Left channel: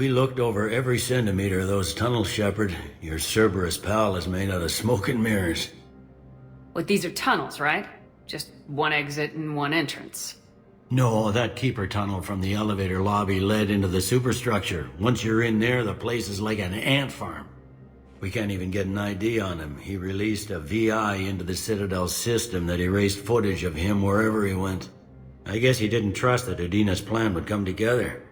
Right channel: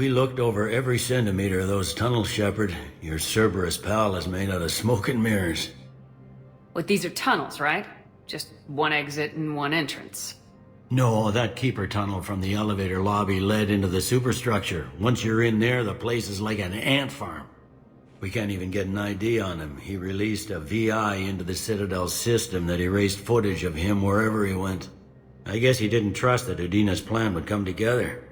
We looked over every centimeter of those tunnels, Shepard. Your Cerberus pal is made out of smoke and mirrors. But these are tunnels, right? Just one exit and one entrance. No, that keeper tunnel from the elevator lobby led into the superstructure. Once you're in there, the place is like an ant farm. We can't even get an ID on him. He released a VI into the Citadel system that erased footage of him wherever he went. I guess he didn't trust that Udina's plan would come together.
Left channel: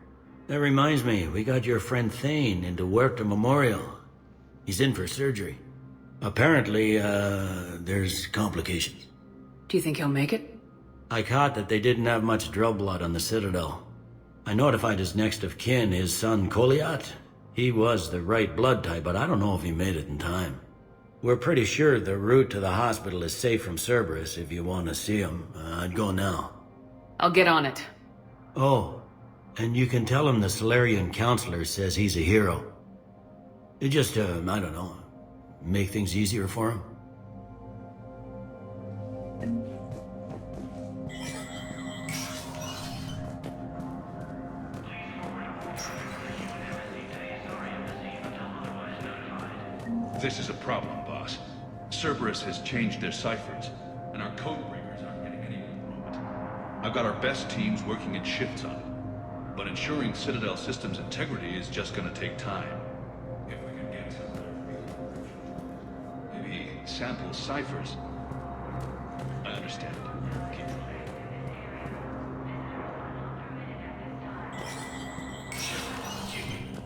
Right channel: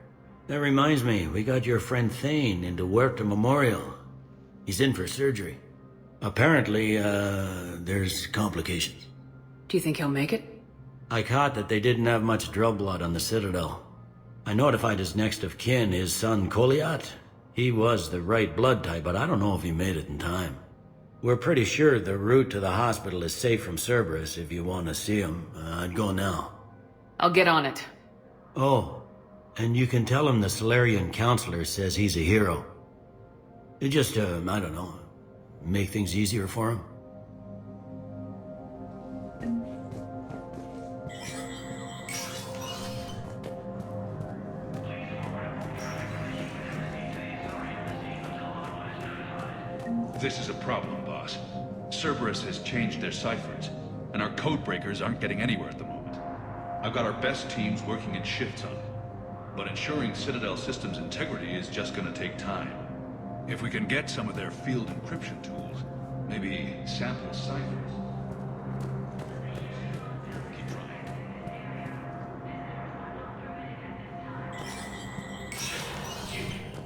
That reminds me, we got your friend Thane into Huerta Memorial. He's in for surgery. Apparently, there's complications. Do you think he'll make it? I caught that they didn't have much drill blood on the Citadel. I notified his next of kin, his son Koliat. He was the right blood type, but I don't know if he made it in time. We're pretty sure the route to the hospital is safe from Cerberus. If you want to see him, I'd go now. I'll get on it. Oh, and you can tell him the Solarian counselor says he's a hero. It just, I don't know, make things easier for him. This is a problem, boss. Cerberus has changed their ciphers, and our codebreakers aren't getting anywhere at the moment. I've got our best teams working in shifts on it, but ensuring Citadel systems integrity is just gonna take time. If we can get some of their field encryption tools, maybe sample ciphers. I understand. Keep trying.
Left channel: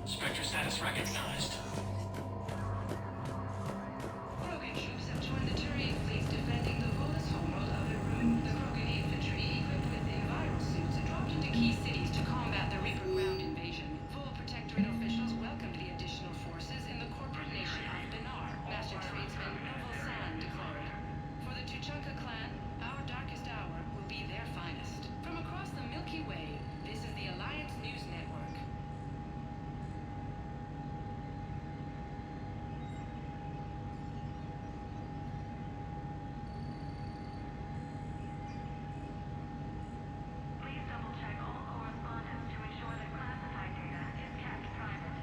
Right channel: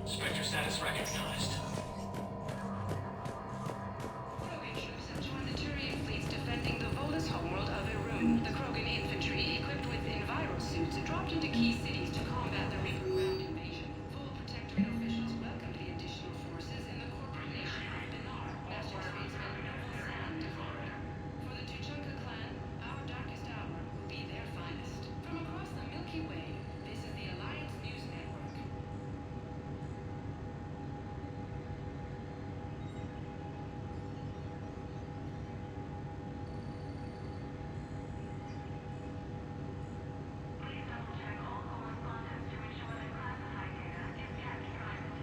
Spectre status recognized. Krogan troops have joined the Turian fleets defending the Volus homeworld of Irun. The Krogan infantry, equipped with enviro suits, dropped into key cities to combat the Reaper ground invasion. Full Protectorate officials welcomed the additional forces in the corporate nation of Benar, Master Tradesman Noble San declared. For the Tuchanka clan, our darkest hour will be their finest. From across the Milky Way, this is the Alliance News Network. Please double-check all correspondence to ensure that classified data is kept private.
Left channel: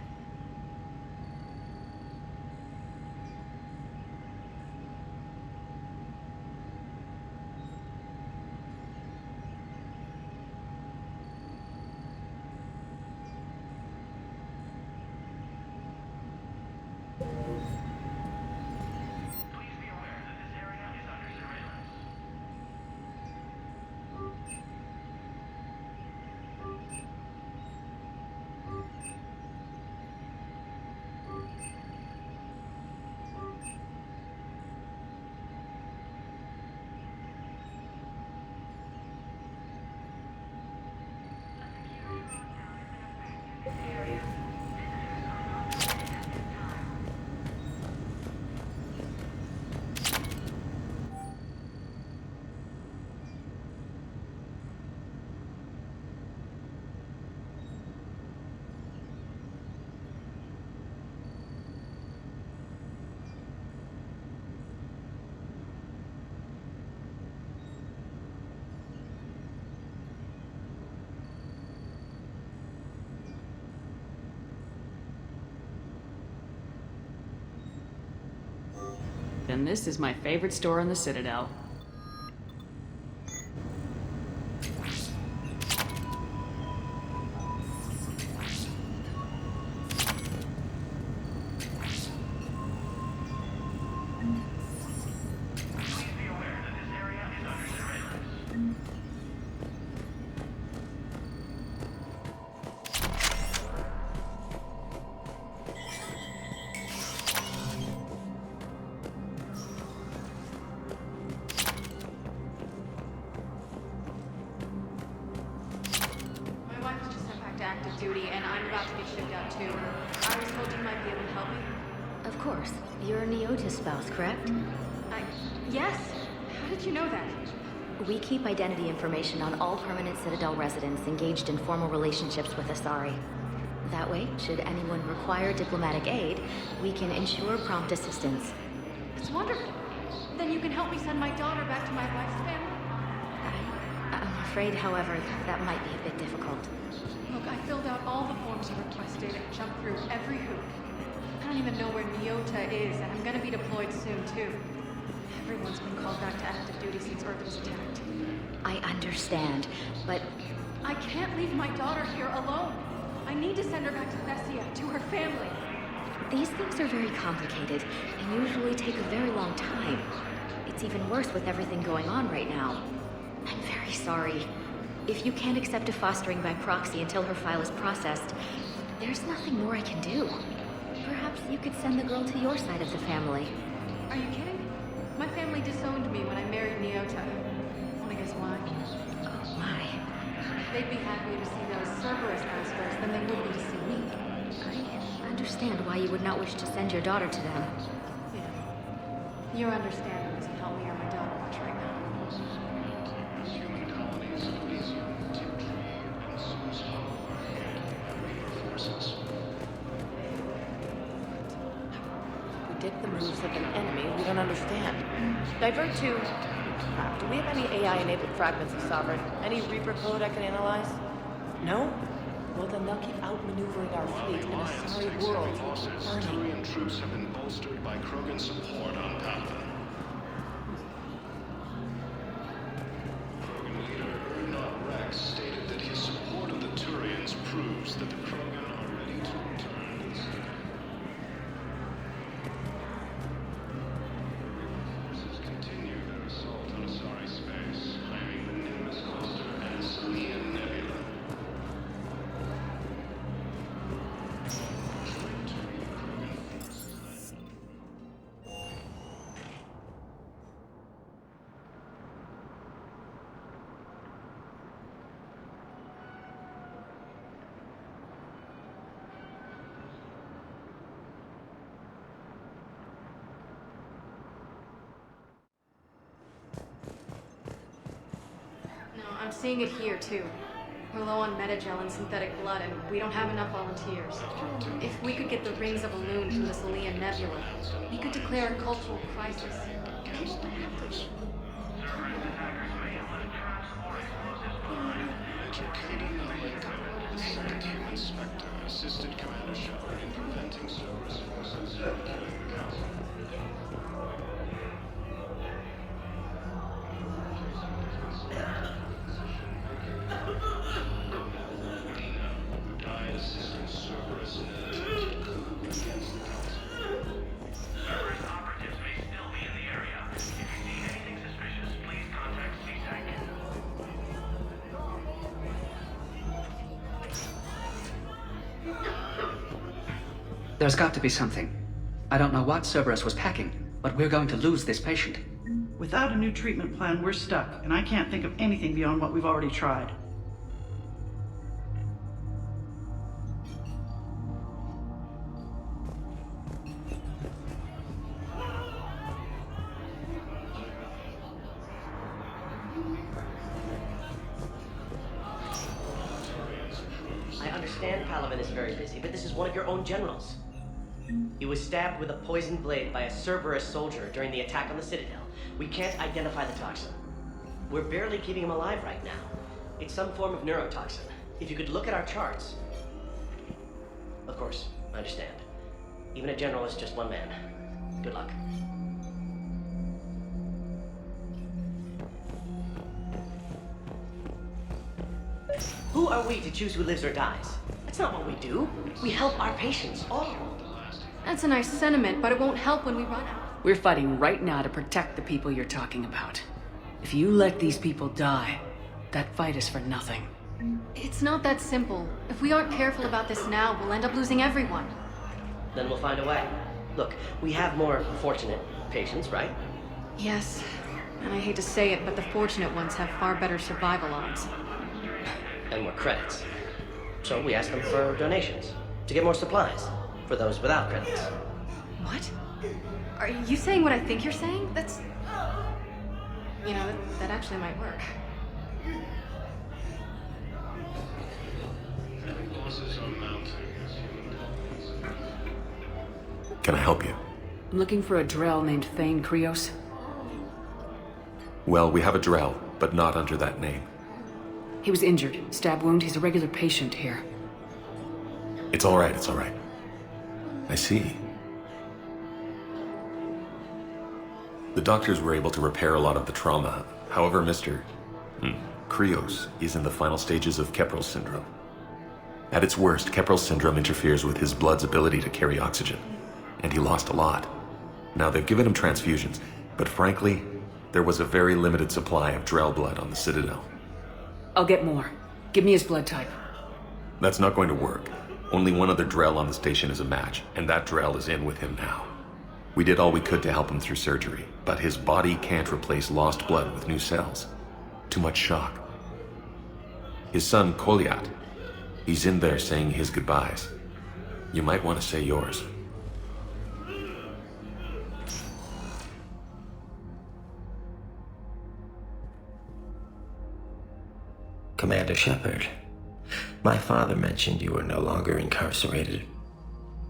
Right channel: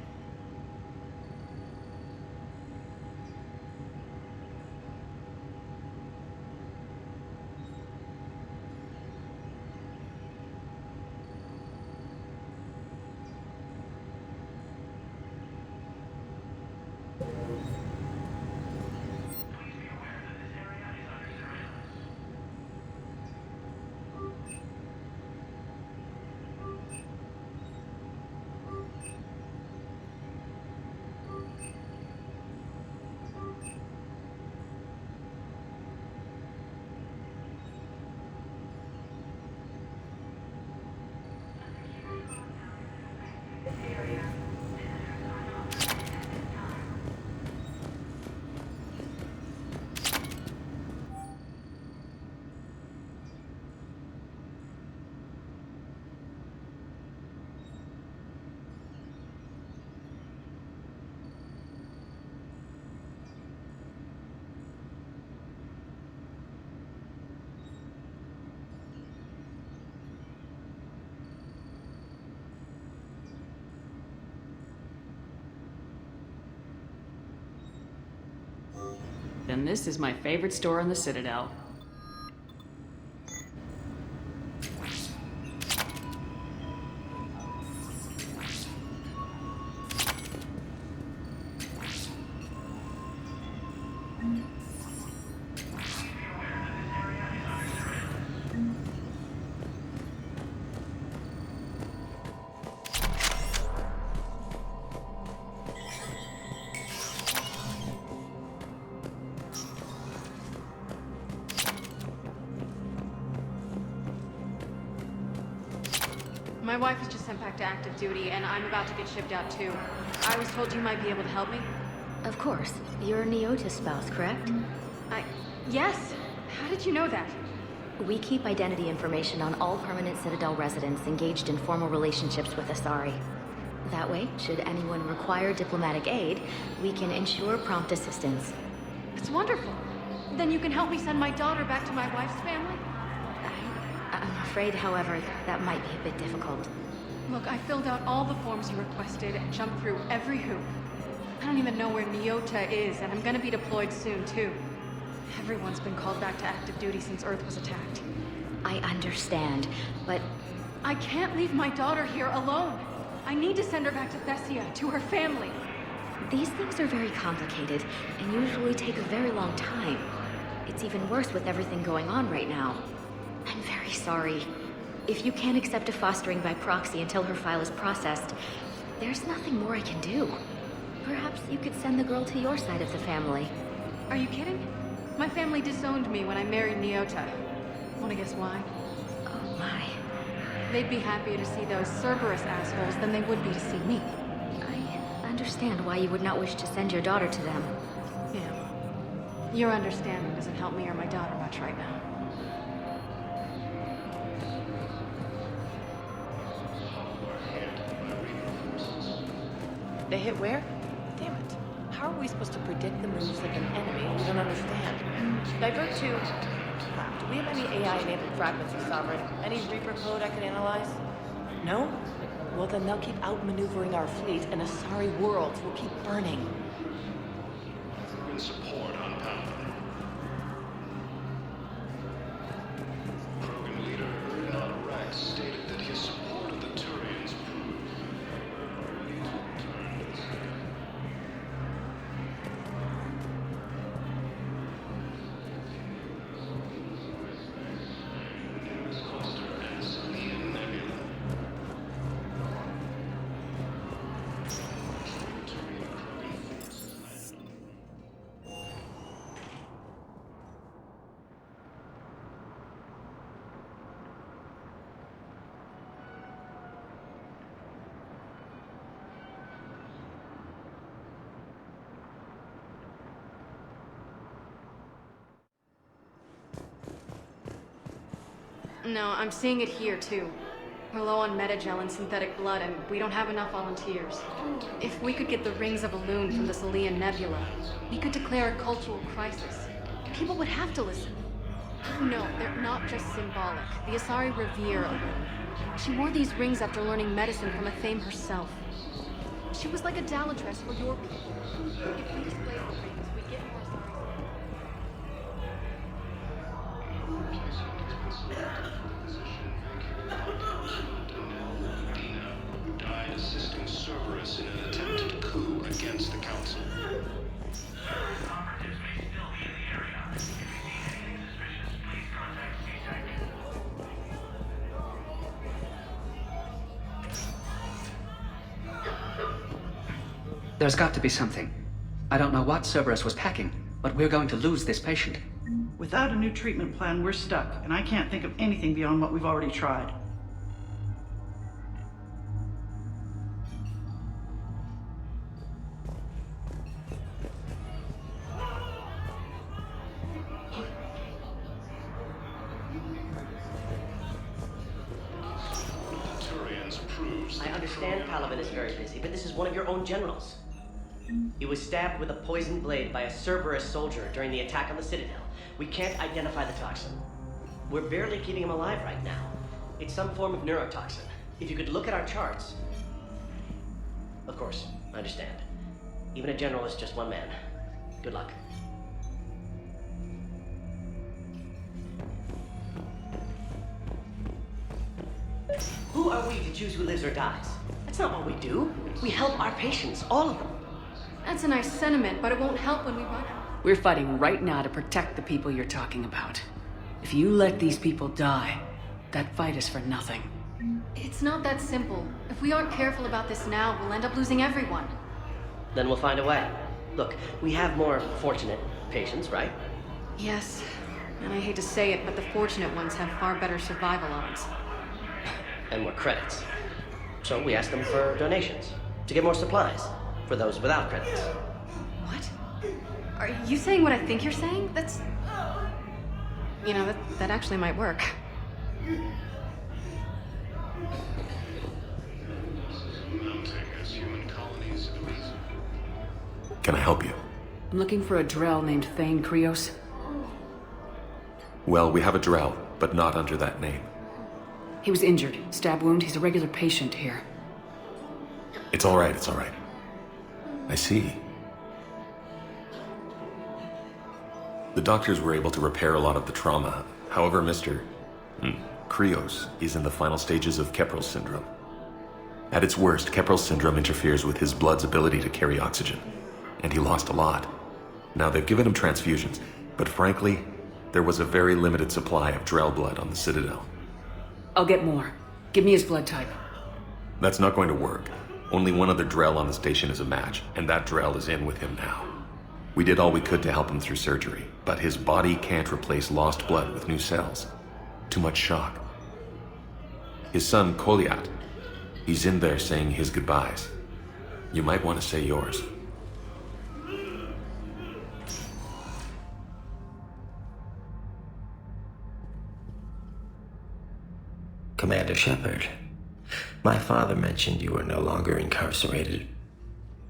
Please be aware that this area is under surveillance. Then this is my favorite store in the Citadel. My wife was just sent back to active duty, and I'm about to get shipped out too. I was told you might be able to help me. Of course. You're Neota's spouse, correct? Yes? How did you know that? We keep identity information on all permanent Citadel residents engaged in formal relationships with Asari. That way, should anyone require diplomatic aid, we can ensure prompt assistance. It's wonderful. Then you can help me send my daughter back to my wife's family? I'm afraid, however, that might be a bit difficult. Look, I filled out all the forms you requested and jumped through every hoop. I don't even know where Nyota is, and I'm gonna be deployed soon, too. Everyone's been called back to active duty since Earth was attacked. I understand, but I can't leave my daughter here alone. I need to send her back to Thessia, to her family. these things are very complicated and usually take a very long time. It's even worse with everything going on right now. I'm very sorry. If you can't accept a fostering by proxy until her file is processed, there's nothing more I can do. Perhaps you could send the girl to your side of the family. Are you kidding? My family disowned me when I married Nyota. Wanna guess why? Oh my. They'd be happier to see those Cerberus assholes than they would be to see me. I understand why you would not wish to send your daughter to them. Yeah. Your understanding doesn't help me or my daughter much right now. They hit where? Damn it. How are we supposed to predict the moves of an enemy we don't understand? Divert to... Crap, do we have any AI-enabled fragments of Sovereign? Any Reaper code I can analyze? No? Well, then they'll keep outmaneuvering our fleet, and Asari worlds will keep burning. Troops have been bolstered by Krogan support on Palaven. Krogan leader Erdnot Rex stated that his support of the Turians proves that the Krogan are ready to return to the Citadel. Forces continue their assault on Asari space, claiming the Nimbus cluster and the Salian Nebula. Joint Turian-Krogan forces landed on the moon. No, I'm seeing it here, too. We're low on metagel and synthetic blood, and we don't have enough volunteers. If we could get the rings of Elune from the Salian Nebula, we could declare a cultural crisis. People would have to listen. No, they're not just symbolic. The Asari revere her. She wore these rings after learning medicine from the Thane herself. She was like a dowlatress for your people. If we display the rings, we get more Asari. Who died assisting Cerberus in an attempted coup against the Council. Cerberus operatives may still be in the area. If you see anything suspicious, please contact CSEC. There's got to be something. I don't know what Cerberus was packing, but we're going to lose this patient. Without a new treatment plan, we're stuck, and I can't think of anything beyond what we've already tried. I understand Palaven is very busy, but this is one of your own generals. He was stabbed with a poisoned blade by a Cerberus soldier during the attack on the Citadel. We can't identify the toxin. We're barely keeping him alive right now. It's some form of neurotoxin. If you could look at our charts... Of course, I understand. Even a general is just one man. Good luck. Who are we to choose who lives or dies? That's not what we do. We help our patients, all of them. That's a nice sentiment, but it won't help when we run out. We're fighting right now to protect the people you're talking about. If you let these people die, that fight is for nothing. It's not that simple. If we aren't careful about this now, we'll end up losing everyone. Then we'll find a way. Look, we have more fortunate patients, right? Yes, and I hate to say it, but the fortunate ones have far better survival odds. And more credits. So we ask them for donations, to get more supplies, for those without credits. What? Are you saying what I think you're saying? That's... You know, that actually might work. Losses are mounting as human colonies. Can I help you? I'm looking for a Drell named Thane Krios. Well, we have a Drell, but not under that name. He was injured. Stab wound. He's a regular patient here. It's all right, it's all right. I see. The doctors were able to repair a lot of the trauma. However, Mr. Krios is in the final stages of Keprel's syndrome. At its worst, Keprel's syndrome interferes with his blood's ability to carry oxygen, and he lost a lot. Now, they've given him transfusions, but frankly, there was a very limited supply of Drell blood on the Citadel. I'll get more. Give me his blood type. That's not going to work. Only one other Drell on the station is a match, and that Drell is in with him now. We did all we could to help him through surgery, but his body can't replace lost blood with new cells. Too much shock. His son, Kolyat, he's in there saying his goodbyes. You might want to say yours. Commander Shepard, my father mentioned you were no longer incarcerated.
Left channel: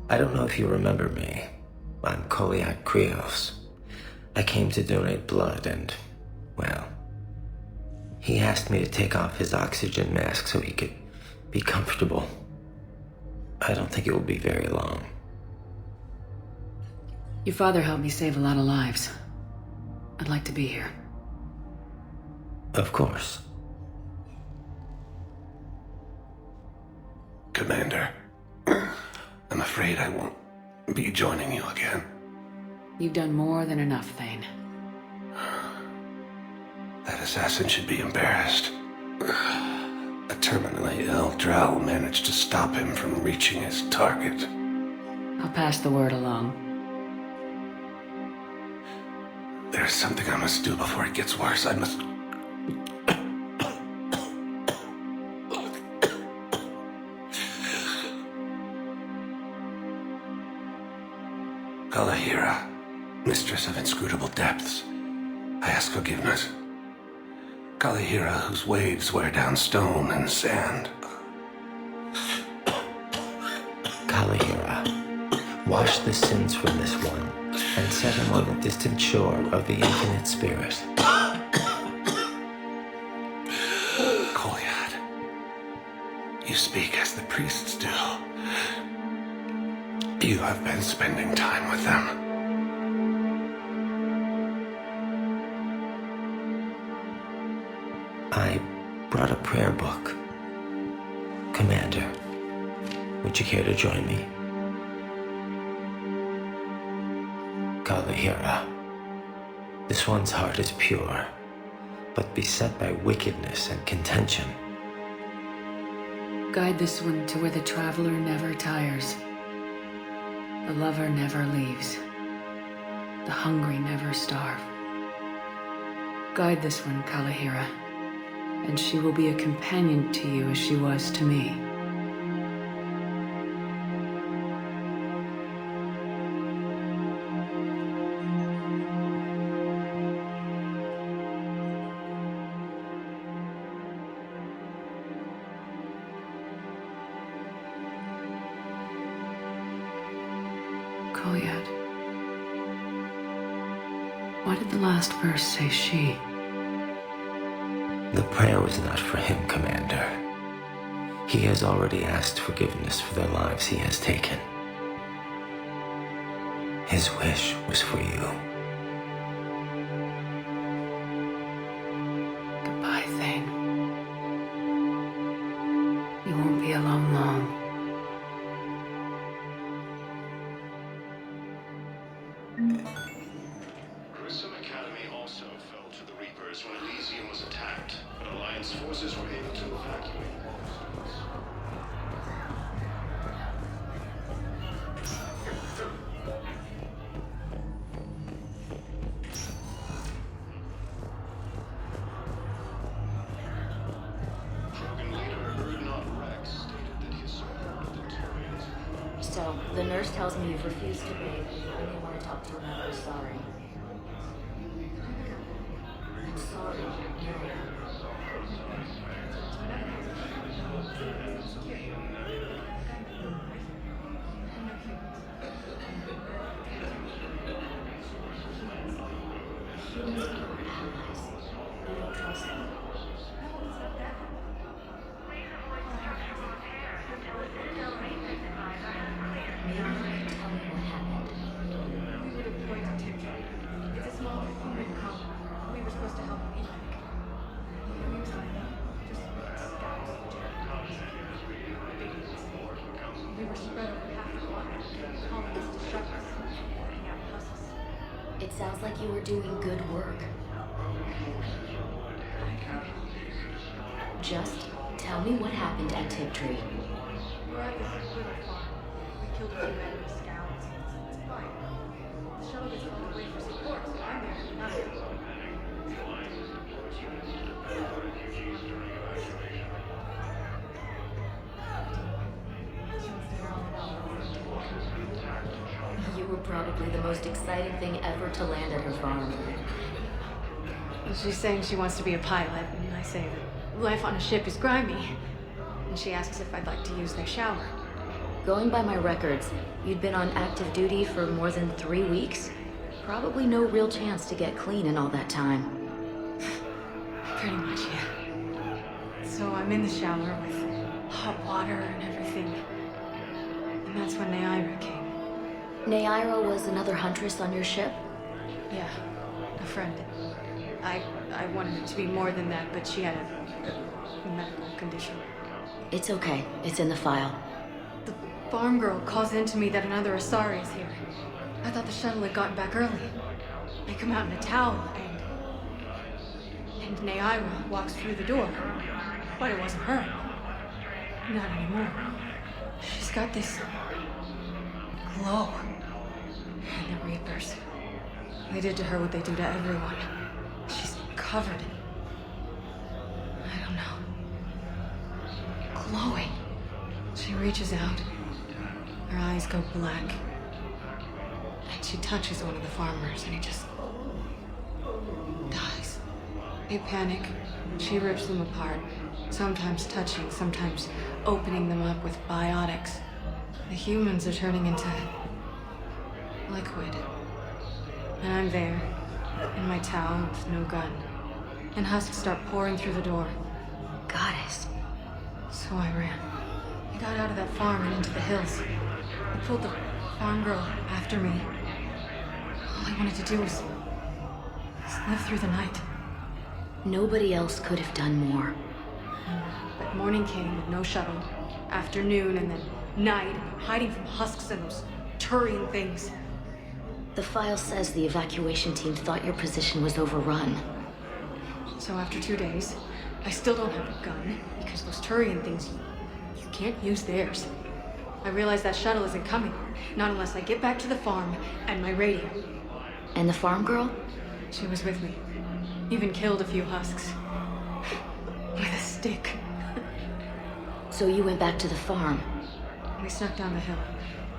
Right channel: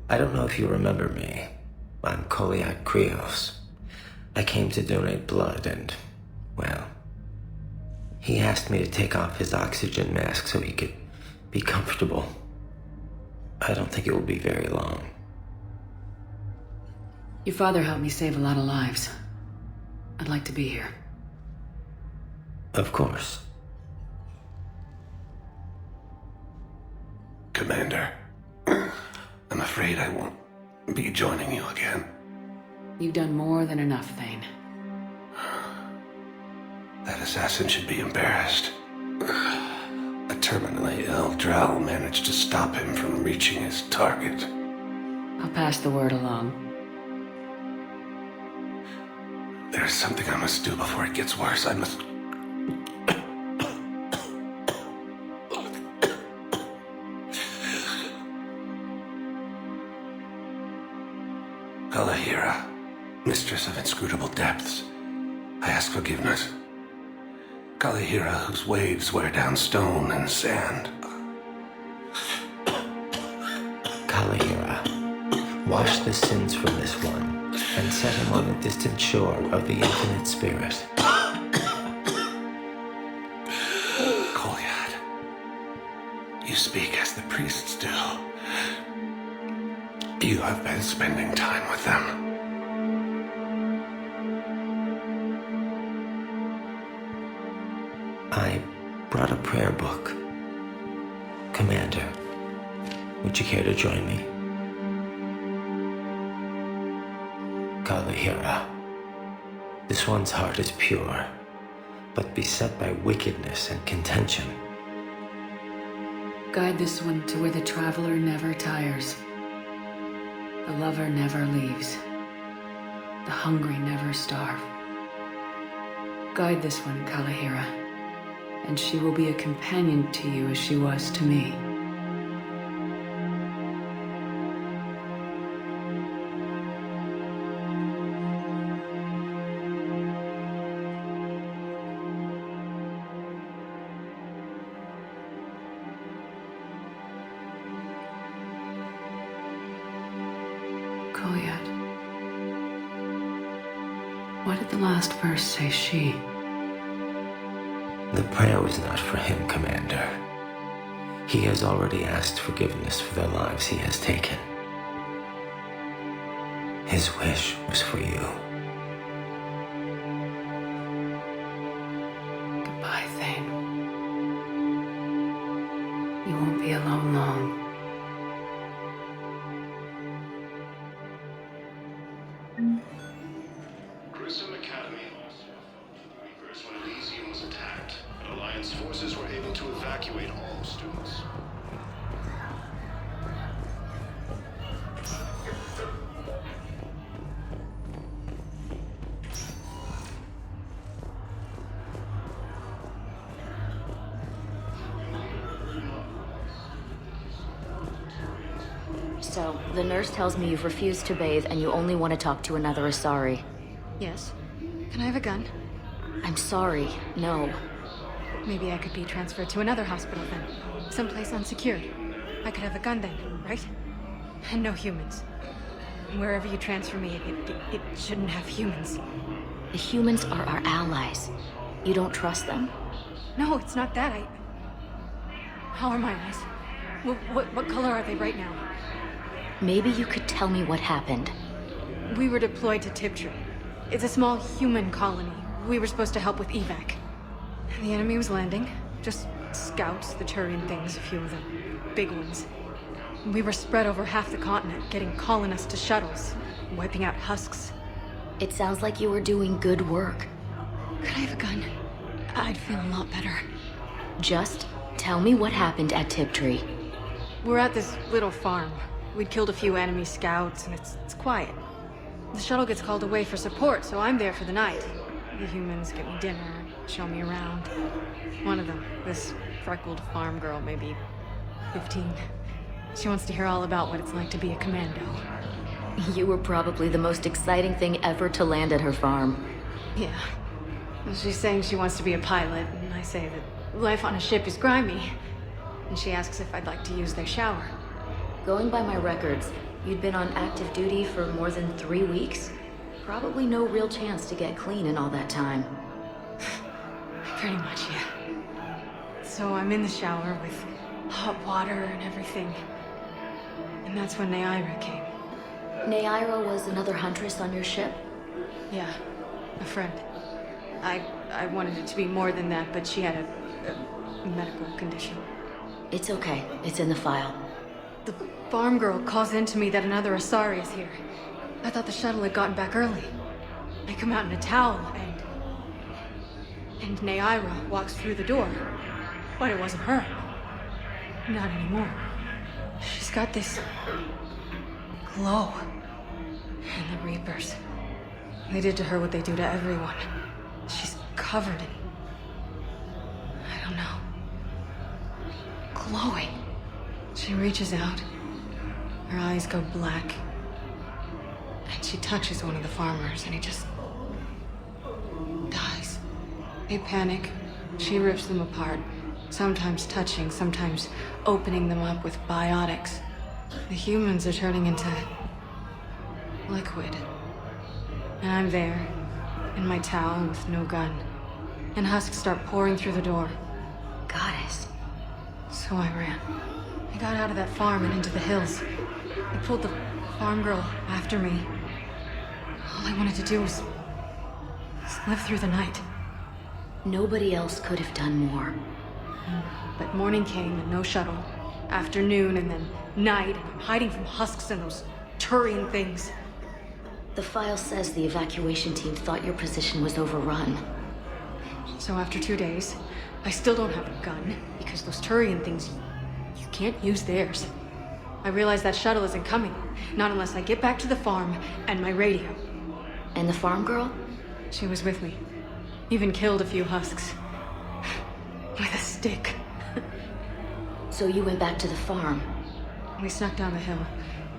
I don't know if you remember me. I'm Kolyat Krios. I came to donate blood and, well, he asked me to take off his oxygen mask so he could be comfortable. I don't think it will be very long. Your father helped me save a lot of lives. I'd like to be here. Of course. Commander, I'm afraid I won't be joining you again. You've done more than enough, Thane. That assassin should be embarrassed. A terminally ill Drell managed to stop him from reaching his target. I'll pass the word along. There's something I must do before it gets worse. I must... Kalahira, mistress of inscrutable depths, I ask forgiveness. Kalahira, whose waves wear down stone and sand. Kalahira, wash the sins from this one and set him on the distant shore of the infinite spirit. Kolyat, you speak as the priests do. You have been spending time with them. I brought a prayer book. Commander, would you care to join me? Kalahira, this one's heart is pure, but beset by wickedness and contention. Guide this one to where the traveler never tires. The lover never leaves. The hungry never starve. Guide this one, Kalahira, and she will be a companion to you as she was to me. Kolyat. Why did the last verse say she? The prayer was not for him, Commander. He has already asked forgiveness for the lives he has taken. His wish was for you. Goodbye, Thane. You won't be alone long. Grissom Academy also fell to the Reapers when Elysium was attacked, but Alliance forces were able to evacuate all students. So, the nurse tells me you've refused to bathe and you only want to talk to another Asari. Yes. Can I have a gun? I'm sorry, no. Maybe I could be transferred to another hospital then. Someplace unsecured. I could have a gun then, right? And no humans. Wherever you transfer me, it shouldn't have humans. The humans are our allies. You don't trust them? No, it's not that. How are my eyes? What color are they right now? Maybe you could tell me what happened. We were deployed to Tiptree. It's a small human colony. We were supposed to help with evac. The enemy was landing. Just scouts, the Turian things, a few of them. Big ones. We were spread over half the continent, getting colonists to shuttles, wiping out husks. It sounds like you were doing good work. Could I have a gun? I'd feel a lot better. Just tell me what happened at Tiptree. We're at this little farm. We'd killed a few enemy scouts, and it's quiet. The shuttle gets called away for support, so I'm there for the night. The humans get me dinner, show me around. One of them, this freckled farm girl, maybe 15. She wants to hear all about what it's like to be a commando. You were probably the most exciting thing ever to land at her farm. Yeah. Well, she's saying she wants to be a pilot, and I say that life on a ship is grimy. And she asks if I'd like to use their shower. Going by my records, you'd been on active duty for more than 3 weeks. Probably no real chance to get clean in all that time. Pretty much, yeah. So I'm in the shower with hot water and everything. And that's when Naira came. Naira was another huntress on your ship? Yeah, a friend. I wanted it to be more than that, but she had a medical condition. It's okay. It's in the file. The farm girl calls in to me that another Asari is here. I thought the shuttle had gotten back early. I come out in a towel, and Naira walks through the door. But it wasn't her. Not anymore. She's got this glow. And the Reapers. They did to her what they do to everyone. She's covered in... I don't know. Glowing. She reaches out. Her eyes go black. And she touches one of the farmers, and he just... dies. They panic. She rips them apart. Sometimes touching, sometimes opening them up with biotics. The humans are turning into... liquid. And I'm there, in my towel with no gun. And husks start pouring through the door. Goddess. So I ran. I got out of that farm and into the hills. I pulled the farm girl after me. All I wanted to do was live through the night. Nobody else could have done more. But morning came and no shuttle. Afternoon and then night, and I'm hiding from husks and those Turian things. The file says the evacuation team thought your position was overrun. So after 2 days, I still don't have a gun, because those Turian things, you can't use theirs. I realize that shuttle isn't coming, not unless I get back to the farm and my radio. And the farm girl? She was with me. Even killed a few husks. With a stick. So you went back to the farm? We snuck down the hill.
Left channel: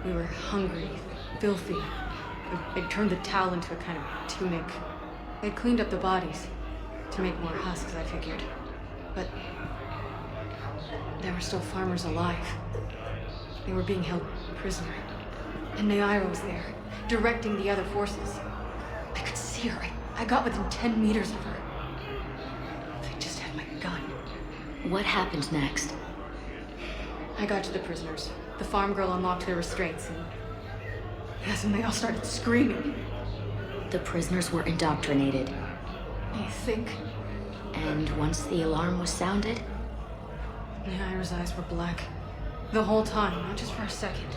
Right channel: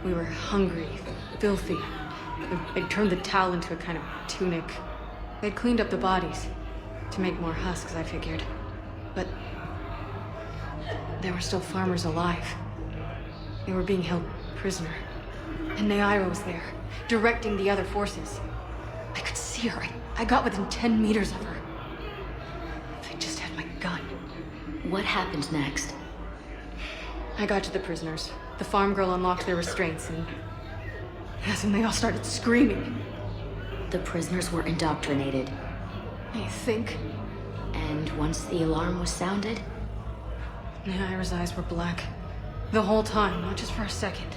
We were hungry, filthy. They'd turned the towel into a kind of tunic. They'd cleaned up the bodies. To make more husks, I figured. But... there were still farmers alive. They were being held prisoner. And Naira was there, directing the other forces. I could see her. I got within 10 meters of her. If I just had my gun. What happened next? I got to the prisoners. The farm girl unlocked their restraints, and that's when they all started screaming. The prisoners were indoctrinated. I think. And once the alarm was sounded? Naira's eyes were black. The whole time, not just for a second.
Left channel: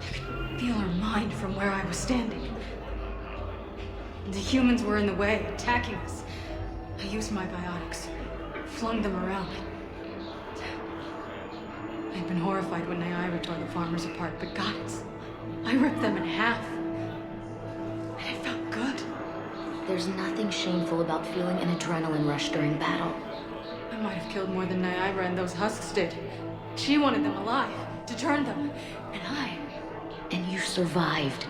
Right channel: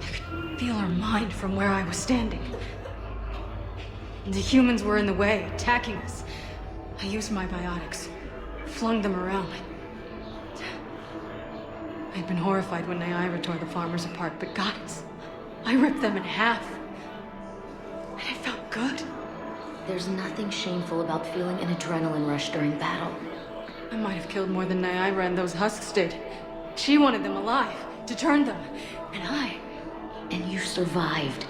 I could feel her mind from where I was standing. The humans were in the way, attacking us. I used my biotics. Flung them around. I'd been horrified when Naira tore the farmers apart, but goddess, I ripped them in half. And it felt good. There's nothing shameful about feeling an adrenaline rush during battle. I might have killed more than Naira and those husks did. She wanted them alive, to turn them, and I... And you survived.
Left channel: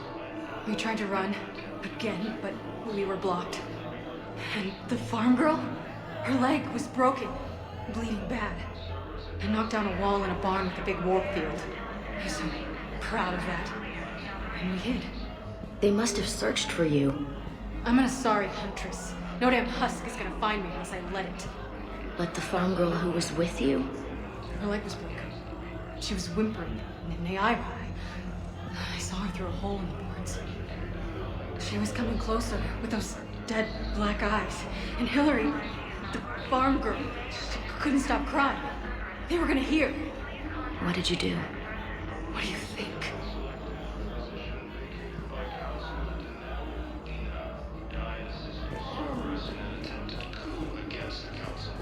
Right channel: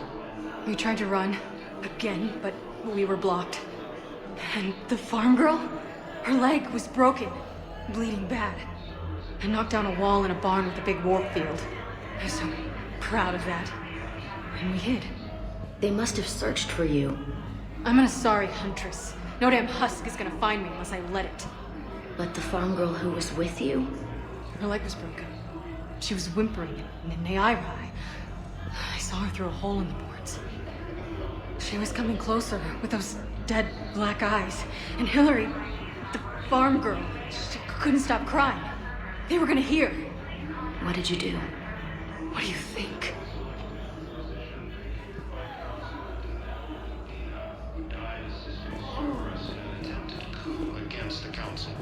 We tried to run, again, but we were blocked. And the farm girl? Her leg was broken, bleeding bad. I knocked down a wall in a barn with a big warp field. I was so proud of that. And we hid. They must have searched for you. I'm an Asari huntress. No damn husk is gonna find me unless I let it. But the farm girl who was with you? Her leg was broken. She was whimpering, and I saw her through a hole in the boards. She was coming closer with those dead black eyes. And Hillary, the farm girl, she couldn't stop crying. They were gonna hear. What did you do? What do you think? Died assisting Cerberus in an attempted coup against the Council.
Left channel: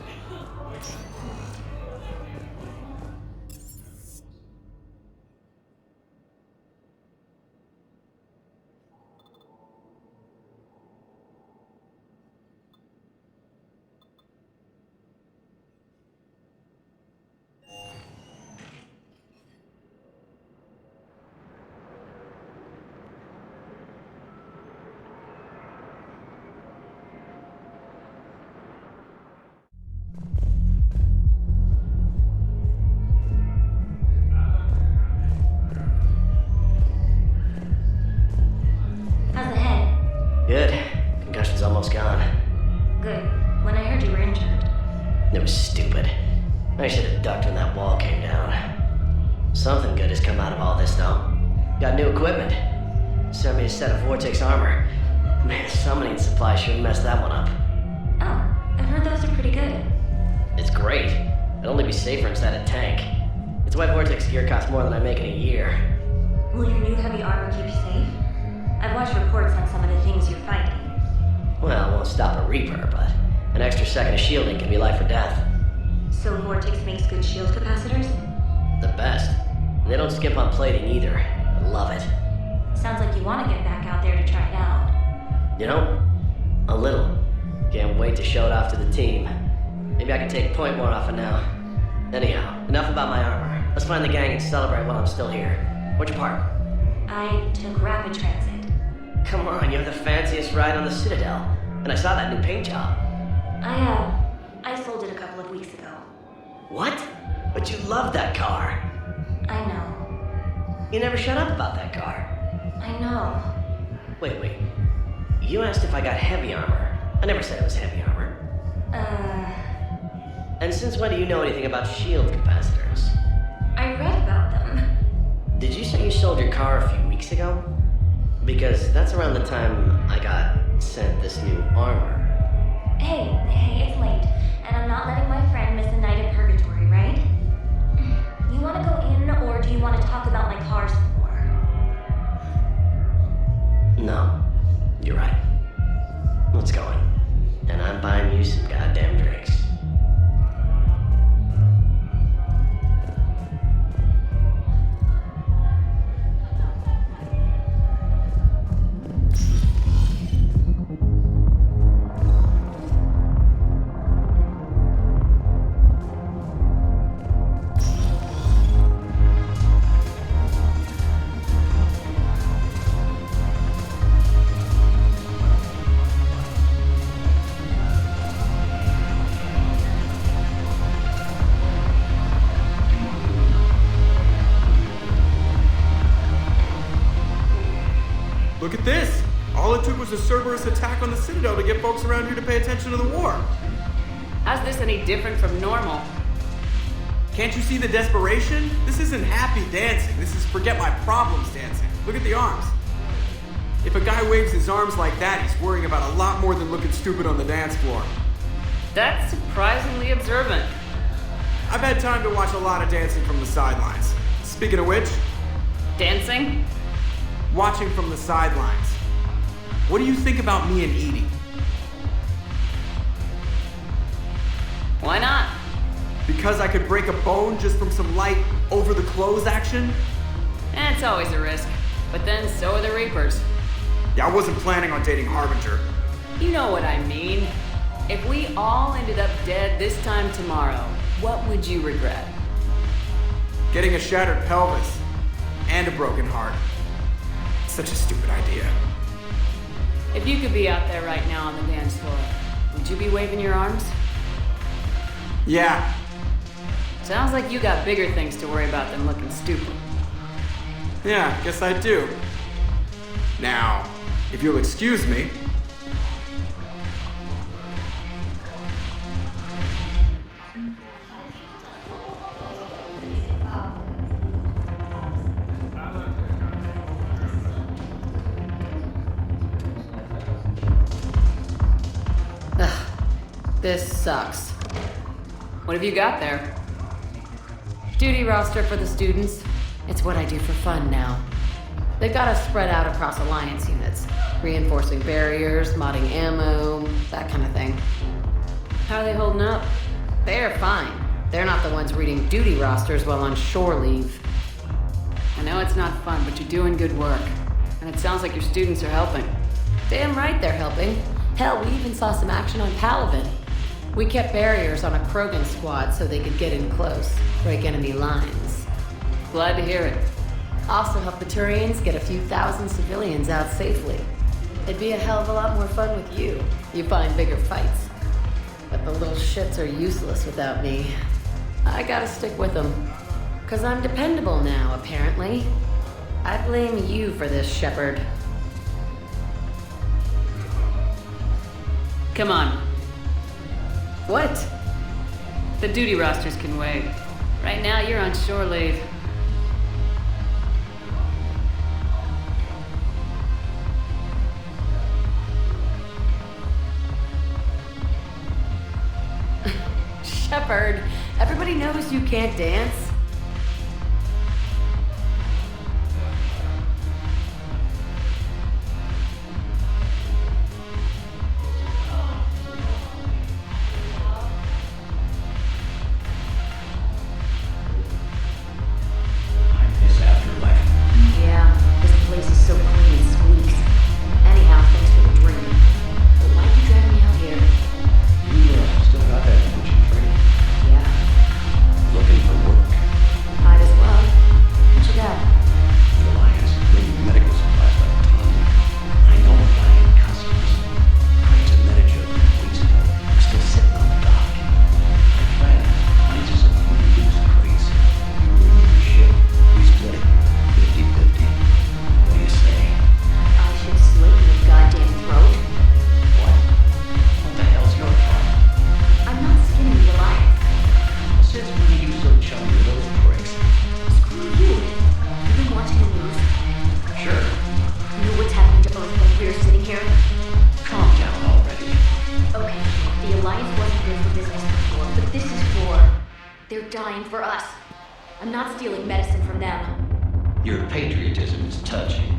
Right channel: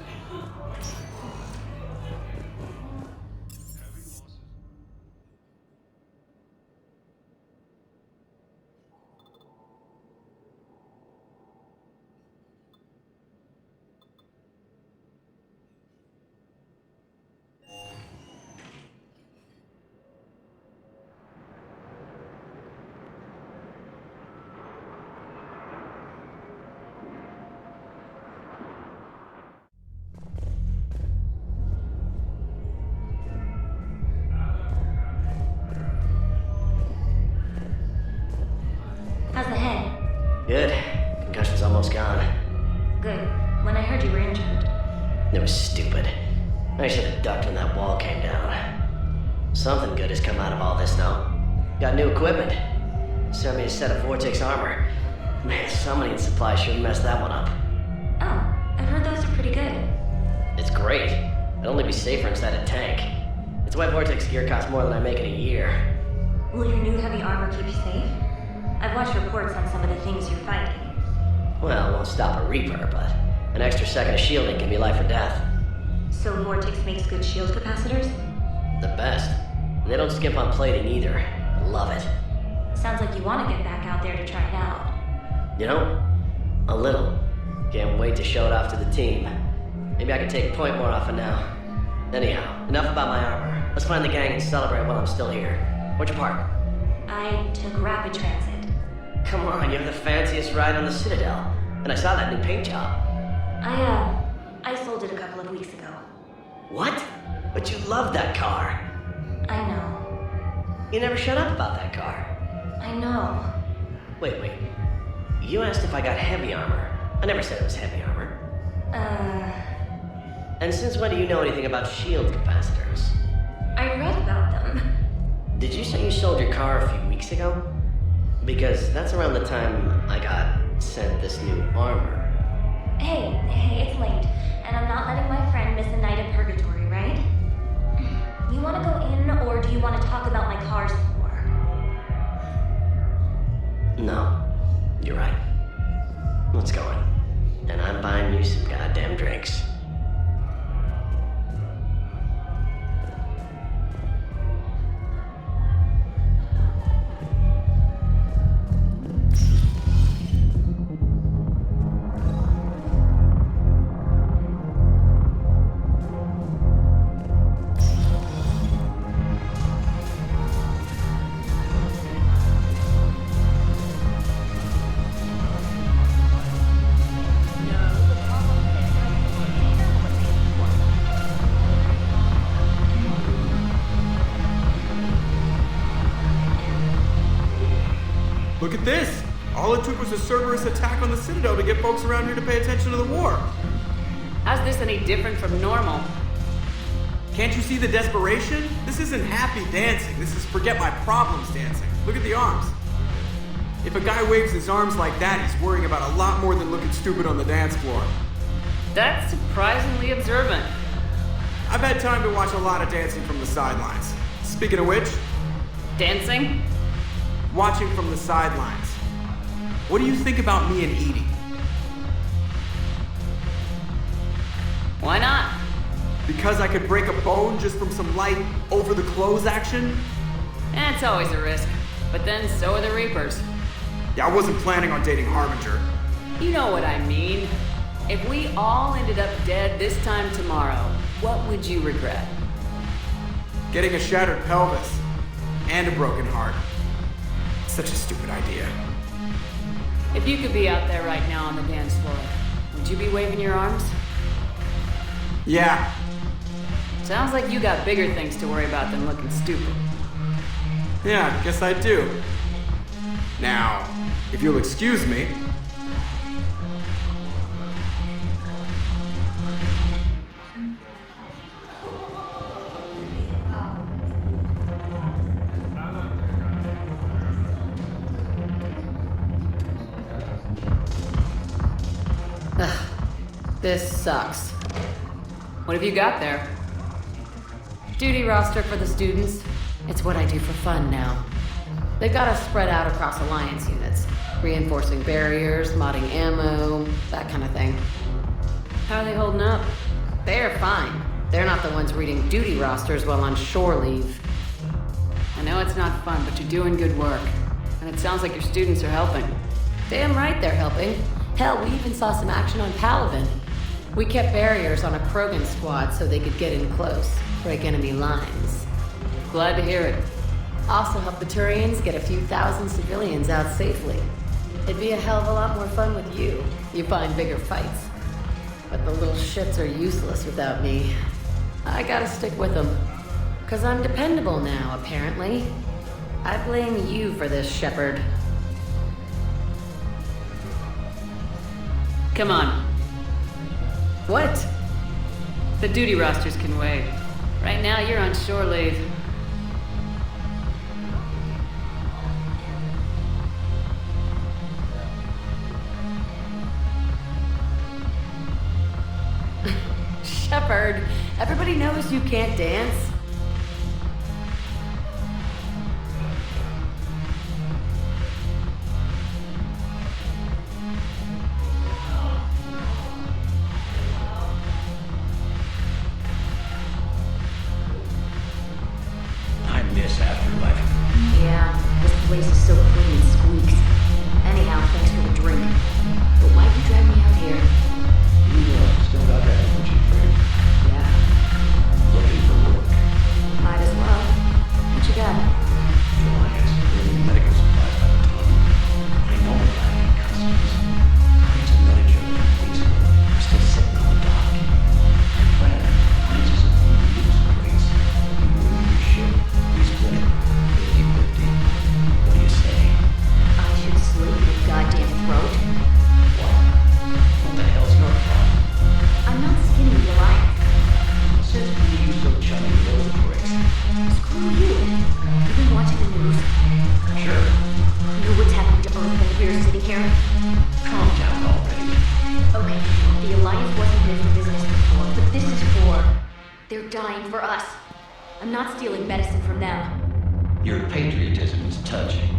How's the head? Good. Concussion's almost gone. Good. When I heard you were injured. It was stupid. I should have ducked when that wall came down. Something good has come out of all this, though. Got new equipment. Sent me a set of Vortex armor. Man, summoning supply sure messed that one up. Oh, I've heard those are pretty good. It's great. I'd only be safer inside a tank. It's why Vortex gear costs more than I make in a year. Will your new heavy armor keep you safe? I've watched reports on some of the things you're fighting. Well, it won't stop a Reaper, but an extra second of shielding can be life or death. So Vortex makes good shield capacitors? The best. And they don't skimp on plating either. I love it. Sounds like you want to get back out there to try it out. You know, a little. Can't wait to show it off to the team. Maybe I can take point more often now. Anyhow, enough about my armor. Let's find the gang and celebrate while I'm still here. Where'd you park? I took rapid transit. Come on, you have the fanciest ride on the Citadel. And I saw that new paint job. I sold it a couple of weeks ago. What? But you loved that car. I know. You never shut up about that car. I know. Wait. You asked if I got heavy armor. I never said it was heavy armor. And since when do you know anything about shield capacitors? I read about them. Did you say you sold your car a few weeks ago? Because that's around the time I got sent this new armor. Hey, it's late, and I'm not letting my friend miss a night of purgatory, right? You want to go in, or do you want to talk about my car some more? No, you're right. Let's go in. And I'm buying you some goddamn drinks. Look at this! All it took was a Cerberus attack on the Citadel to get folks around here to pay attention to the war. How's this any different from normal? Can't you see the desperation? This isn't happy dancing. This is forget my problems dancing. Look at the arms. If a guy waves his arms like that, he's worrying about a lot more than looking stupid on the dance floor. That's surprisingly observant. I've had time to watch a lot of dancing from the sidelines. Speaking of which... Dancing? Watching from the sidelines. What do you think about me and Edie? Why not? Because I could break a bone just from some light over-the-clothes action? It's always a risk. But then so are the Reapers. Yeah, I wasn't planning on dating Harbinger. You know what I mean. If we all ended up dead this time tomorrow, what would you regret? Getting a shattered pelvis. And a broken heart. Such a stupid idea. If you could be out there right now on the dance floor, would you be waving your arms? Yeah. Sounds like you got bigger things to worry about than looking stupid. Yeah, guess I do. Now, if you'll excuse me... This sucks. What have you got there? Duty roster for the students. It's what I do for fun now. They've got us spread out across Alliance units. Reinforcing barriers, modding ammo, that kind of thing. How are they holding up? They're fine. They're not the ones reading duty rosters while on shore leave. I know it's not fun, but you're doing good work. And it sounds like your students are helping. Damn right they're helping. Hell, we even saw some action on Palaven. We kept barriers on a Krogan squad so they could get in close, break enemy lines. Glad to hear it. Also help the Turians get a few thousand civilians out safely. It'd be a hell of a lot more fun with you. You find bigger fights. But the little shits are useless without me. I gotta stick with them. 'Cause I'm dependable now, apparently. I blame you for this, Shepard. Come on. What? The duty rosters can wait. Right now, you're on shore leave. Shepard, everybody knows you can't dance. I miss Afterlife. Yeah, this place is so clean it squeaks. Anyhow, thanks for the drink. But why'd you drag me out here? You still got that poaching training? Yeah, Looking for work. might as well. What you got? The Alliance is bringing medical supplies by the ton. I know a guy in customs. Crates of Medica from weeks ago are still sitting on the dock. My friend finds us a few loose crates. You bring in your ship, we split it 50-50. What do you say? I should slit your goddamn throat. What? What the hell's your problem? I'm not skinning the Alliance. Well, since when are you so chummy with those pricks? Screw you. You've been watching the news. Sure. Know what's happening to Earth while we're sitting here? Calm down already. Okay, sure. The Alliance wasn't good for business before, but this is for... They're dying for us. I'm not stealing medicine from them. Your patriotism is touching.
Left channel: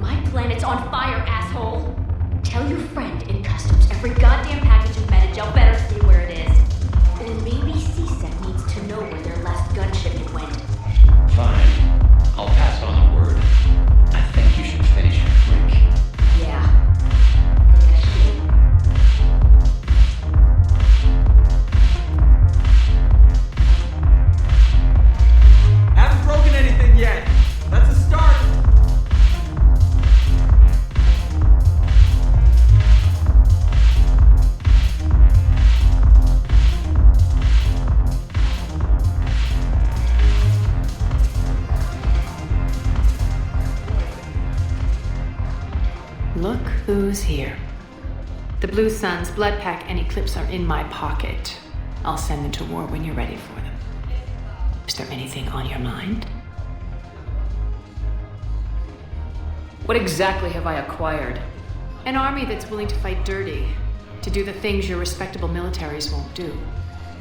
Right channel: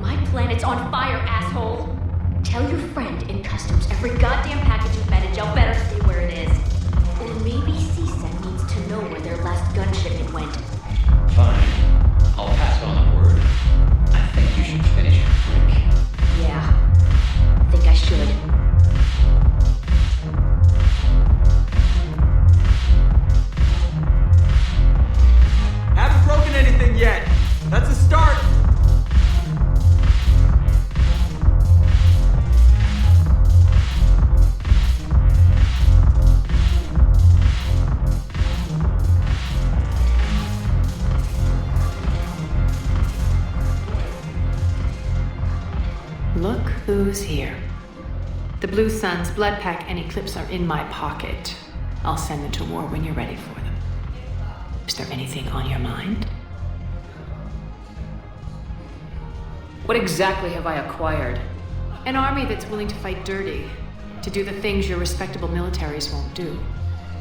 My planet's on fire, asshole! Tell your friend in customs every goddamn package of Metagel better stay where it is. Or maybe CSEC needs to know where their last gun shipment went. Fine. I'll pass on the word. I think you should finish your drink. Yeah, I think I should. Haven't broken anything yet. That's a start. Look who's here. The Blue Suns, Blood Pack, and Eclipse are in my pocket. I'll send them to war when you're ready for them. Is there anything on your mind? What exactly have I acquired? An army that's willing to fight dirty, to do the things your respectable militaries won't do.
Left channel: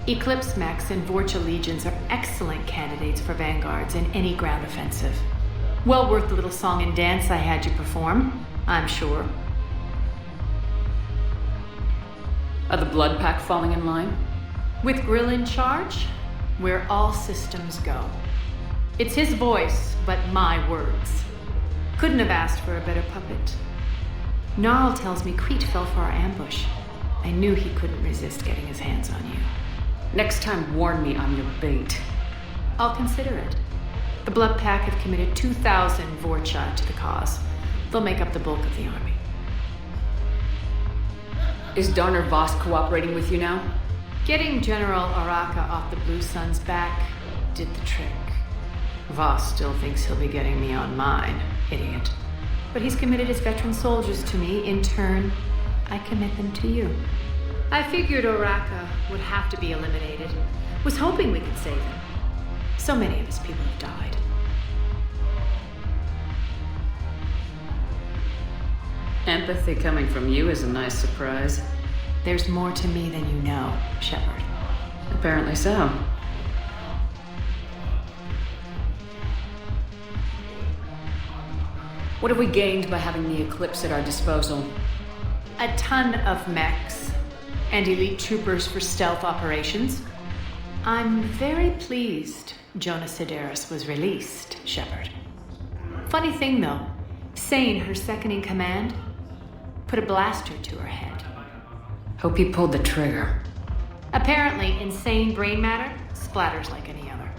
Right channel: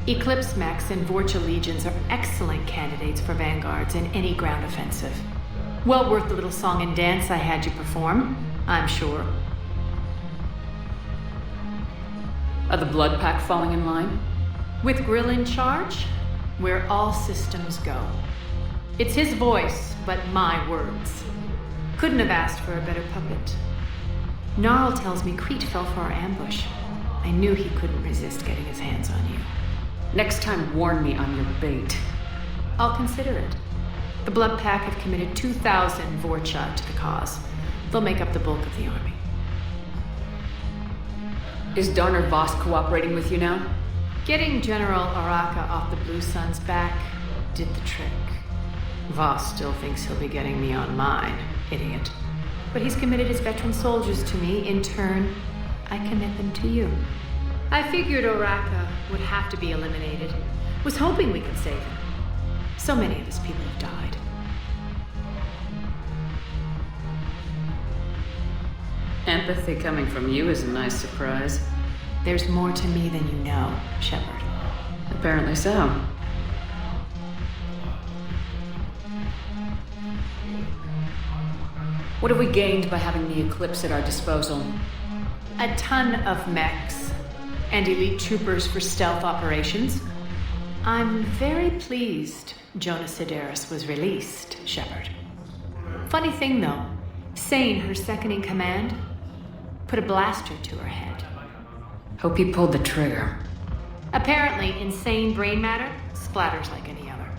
Eclipse mechs and Vorcha legions are excellent candidates for vanguards in any ground offensive. Well worth the little song and dance I had you perform, I'm sure. Are the Blood Pack falling in line? With Grill in charge, where all systems go. It's his voice, but my words. Couldn't have asked for a better puppet. Gnarl tells me Crete fell for our ambush. I knew he couldn't resist getting his hands on you. Next time, warn me I'm your bait. I'll consider it. The Blood Pack have committed 2,000 Vorcha to the cause. They'll make up the bulk of the army. Is Darner Voss cooperating with you now? Getting General Araka off the Blue Sun's back did the trick. Voss still thinks he'll be getting me on mine, idiot. But he's committed his veteran soldiers to me. In turn, I commit them to you. I figured Araka would have to be eliminated. Was hoping we could save him. So many of his people have died. Empathy coming from you is a nice surprise. There's more to me than you know, Shepard. Apparently so. What have we gained by having the Eclipse at our disposal? A ton of mechs and elite troopers for stealth operations. I'm very pleased Jonas Sedaris was released, Shepard. Funny thing though, Sane, her second in command, put a blaster to her head. Hope he pulled the trigger. Apparently, insane brain matter splatters like any other.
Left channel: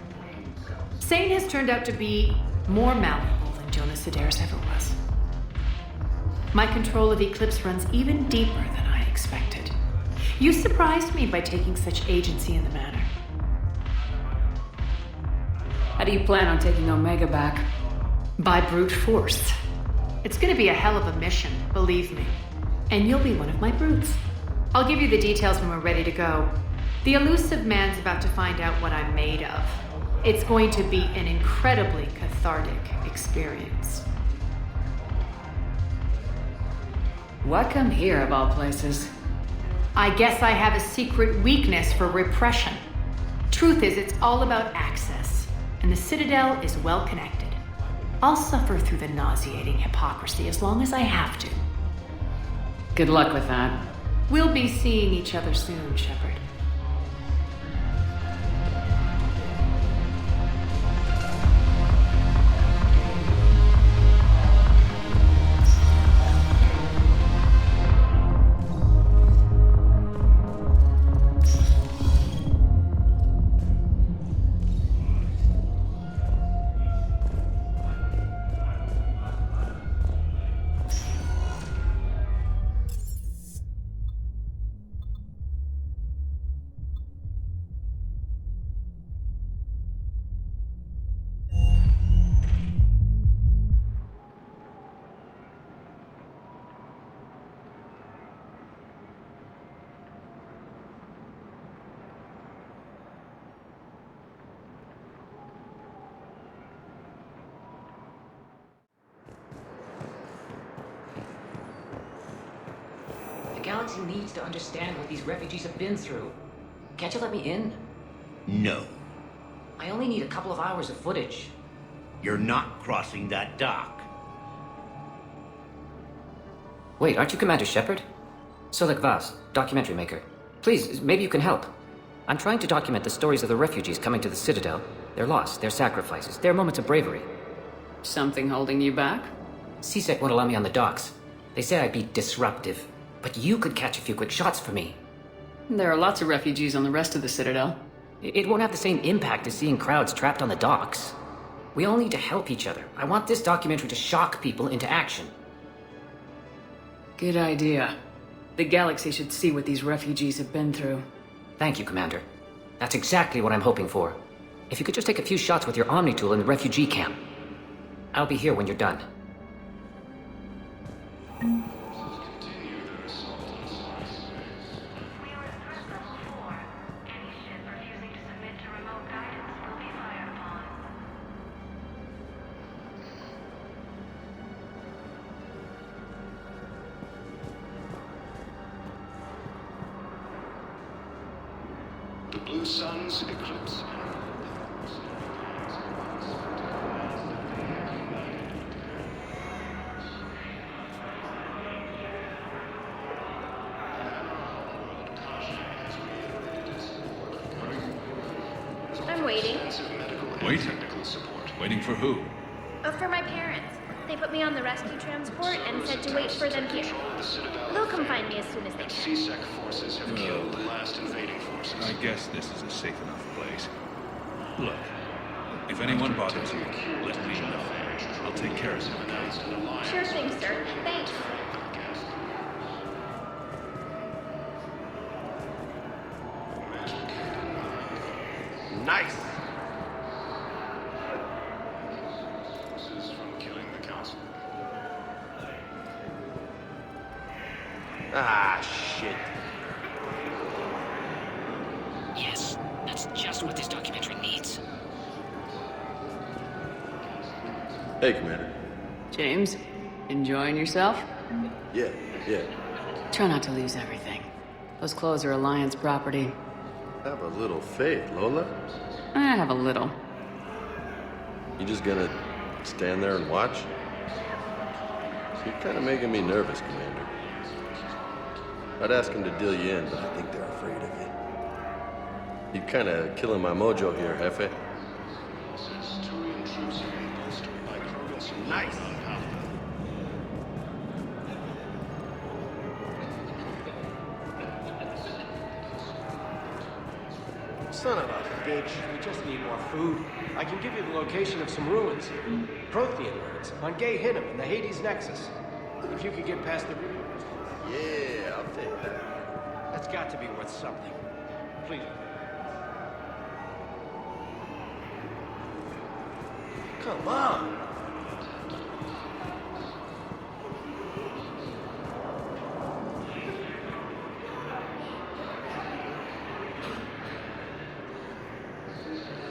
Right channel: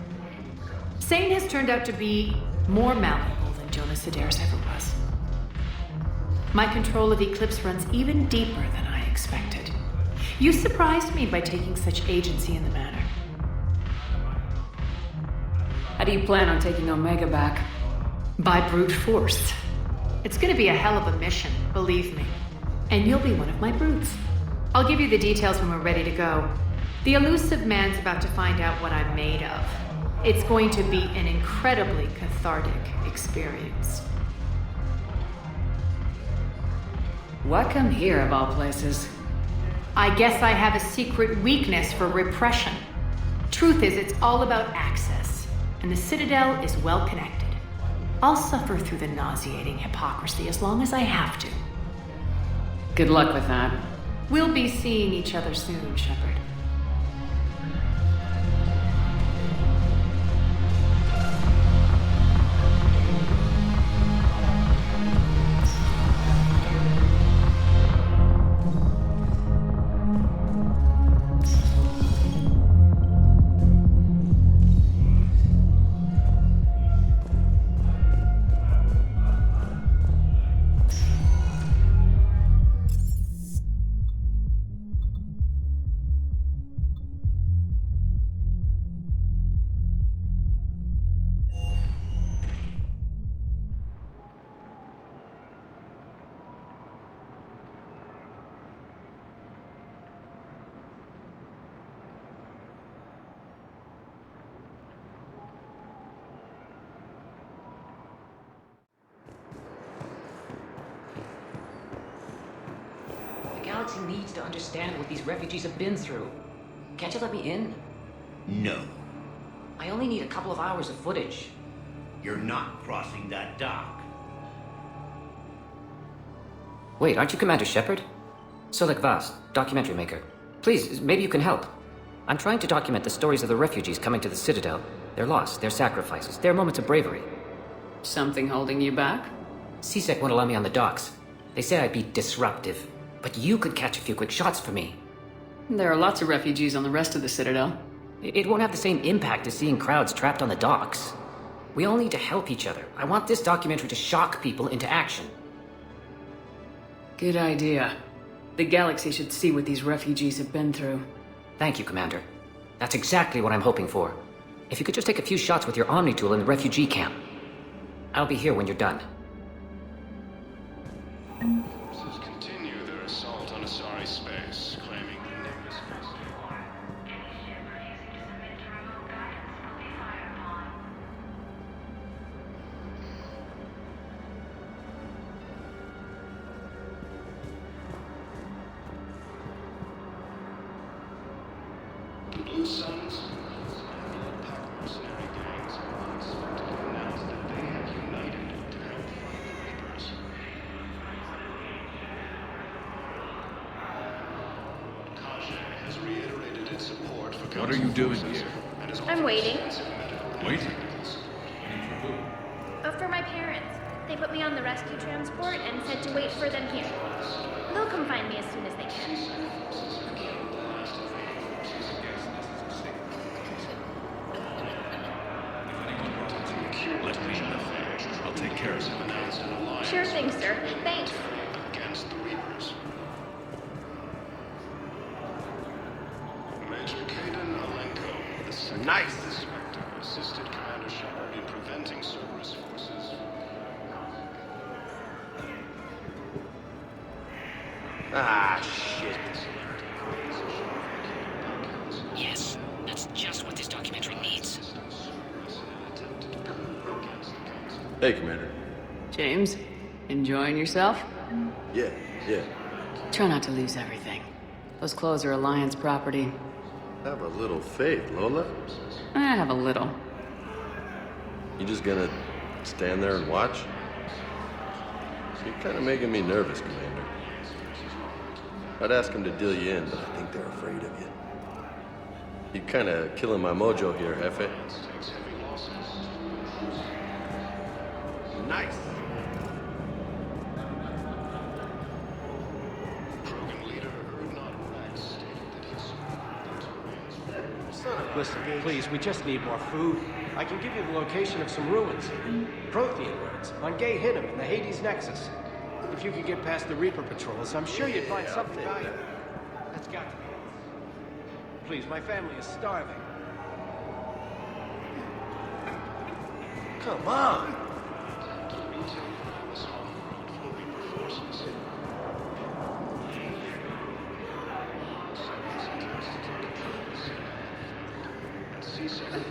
Sane has turned out to be more malleable than Jonas Sedaris ever was. My control of Eclipse runs even deeper than I expected. You surprised me by taking such agency in the matter. How do you plan on taking Omega back? By brute force. It's gonna be a hell of a mission, believe me. And you'll be one of my brutes. I'll give you the details when we're ready to go. The elusive man's about to find out what I'm made of. It's going to be an incredibly cathartic experience. Why come here, of all places? I guess I have a secret weakness for repression. Truth is, it's all about access, and the Citadel is well connected. I'll suffer through the nauseating hypocrisy as long as I have to. Good luck with that. We'll be seeing each other soon, Shepard. The galaxy needs to understand what these refugees have been through. Can't you let me in? No. I only need a couple of hours of footage. You're not crossing that dock. Wait, aren't you Commander Shepard? Solek Vaz, documentary maker. Please, maybe you can help. I'm trying to document the stories of the refugees coming to the Citadel. Their loss, their sacrifices, their moments of bravery. Something holding you back? CSEC won't allow me on the docks. They say I'd be disruptive. But you could catch a few quick shots for me. There are lots of refugees on the rest of the Citadel. It won't have the same impact as seeing crowds trapped on the docks. We all need to help each other. I want this documentary to shock people into action. Good idea. The galaxy should see what these refugees have been through. Thank you, Commander. That's exactly what I'm hoping for. If you could just take a few shots with your Omni tool in the refugee camp. I'll be here when you're done. Blue Suns, Eclipse, and Blood Pact mercenary gangs have unexpectedly announced that they have united to help the Reapers. World Kaja has reiterated its support for What are you doing here? I'm waiting. Waiting? Waiting for who? For my parents. They put me on the rescue transport and said to wait for them here. They'll come find me as soon as they can. CSEC forces have killed the last invading forces. I guess this is a safe enough place. Look, if anyone bothers you, let me know. I'll take care of it. Sure thing, sir. Thanks. Against the Reapers. Major Kaden Alenko. Nice! Assistant Commander Shepard will be preventing Cerberus forces from killing the Council. Ah, shit. Yes, that's just what this documentary needs. Hey, Commander. James, enjoying yourself? Yeah. Try not to lose everything. Those clothes are Alliance property. Have a little faith, Lola. I have a little. You just gonna stand there and watch? You're kind of making me nervous, Commander. I'd ask them to deal you in, but I think they're afraid of you. You're kind of killing my mojo here, Jefe. Nice. Son of a bitch. Please, we just need more food. I can give you the location of some ruins. Prothean ruins, on Gay Hinnom in the Hades Nexus. If you could get past the Reaper patrols, I'm sure you'd find something. That's got to be worth something. Please, my family is starving. Come on.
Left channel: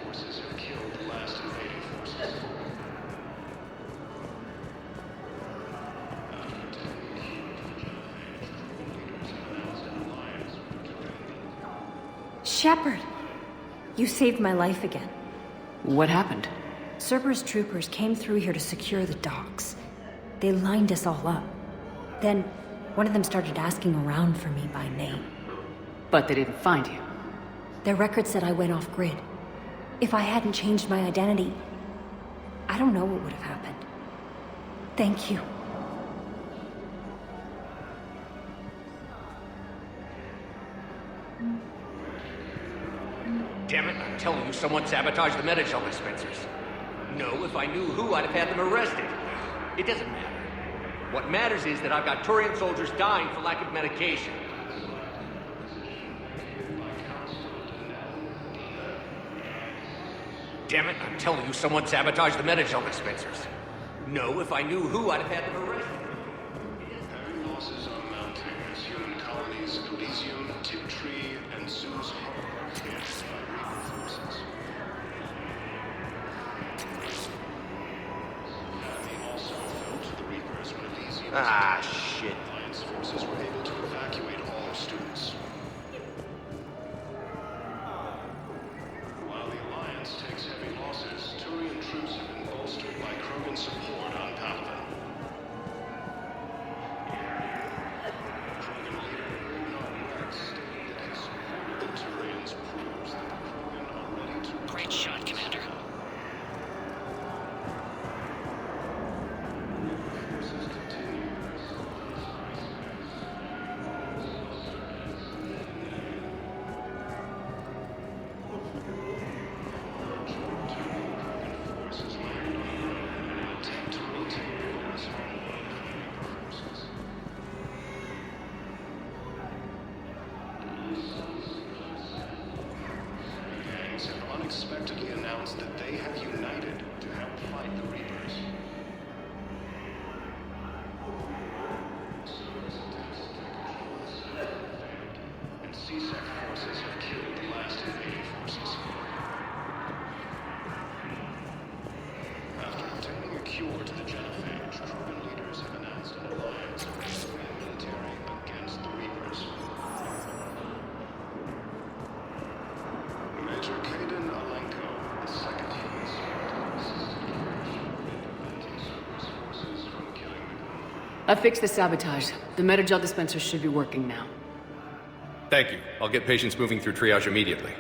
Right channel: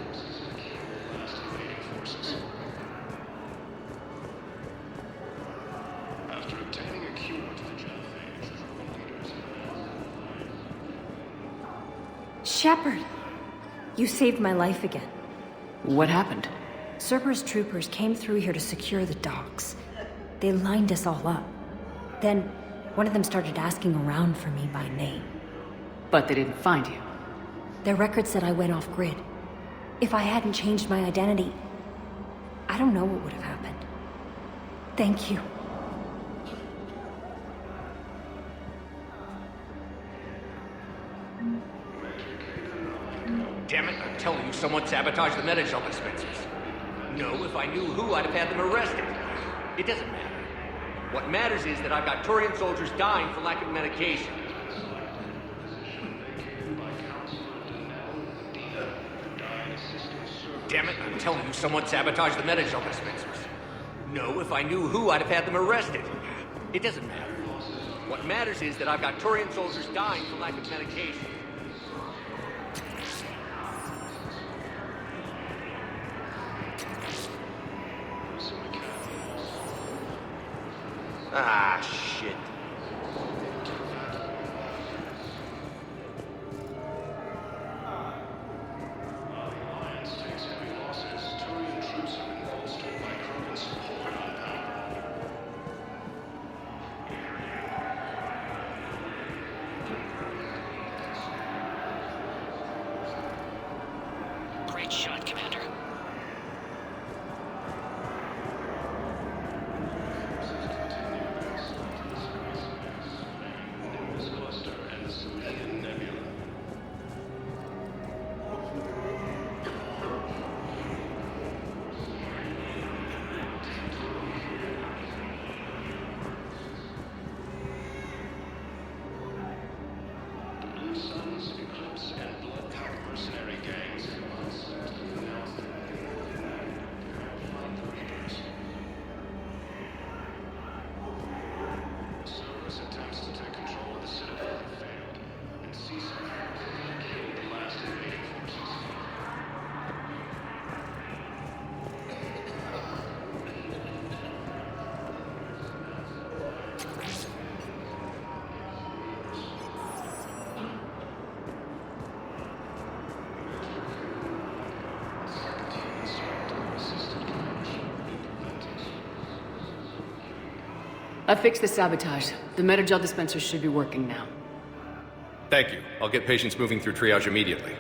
Forces have killed the last invading forces. After obtaining a cure to the genophage, Krogan leaders have announced an alliance. Shepard! You saved my life again. What happened? Cerberus troopers came through here to secure the docks. They lined us all up. Then, one of them started asking around for me by name. But they didn't find you. Their record said I went off-grid. If I hadn't changed my identity, I don't know what would have happened. Thank you. Damn it, I'm telling you, someone sabotaged the Medi-gel dispensers. No, if I knew who, I'd have had them arrested. It doesn't matter. What matters is that I've got Turian soldiers dying for lack of medication. Damn it, I'm telling you, someone sabotaged the Medi-gel dispensers. No, if I knew who, I'd have had them arrested. It doesn't matter. What matters is that I've got Turian soldiers dying for lack of medication. Ah, shit. Forces were able to evacuate all their students. While the Alliance takes heavy losses, Turian troops have been bolstered by Krogan support on Palaven. Great shot, Commander. Unexpectedly announced that they have united to help fight the Reapers. Cerberus attempts to take control of the Citadel have failed, and CSEC forces have killed the last invading forces. After obtaining a cure to the genophage, Krogan leaders have announced an alliance against the Reapers. Major Kaden Alenko, the second human servant, assisted Crash in preventing Cerberus forces from killing. I fixed the sabotage. The Medi-gel dispensers should be working now. Thank you. I'll get patients moving through triage immediately.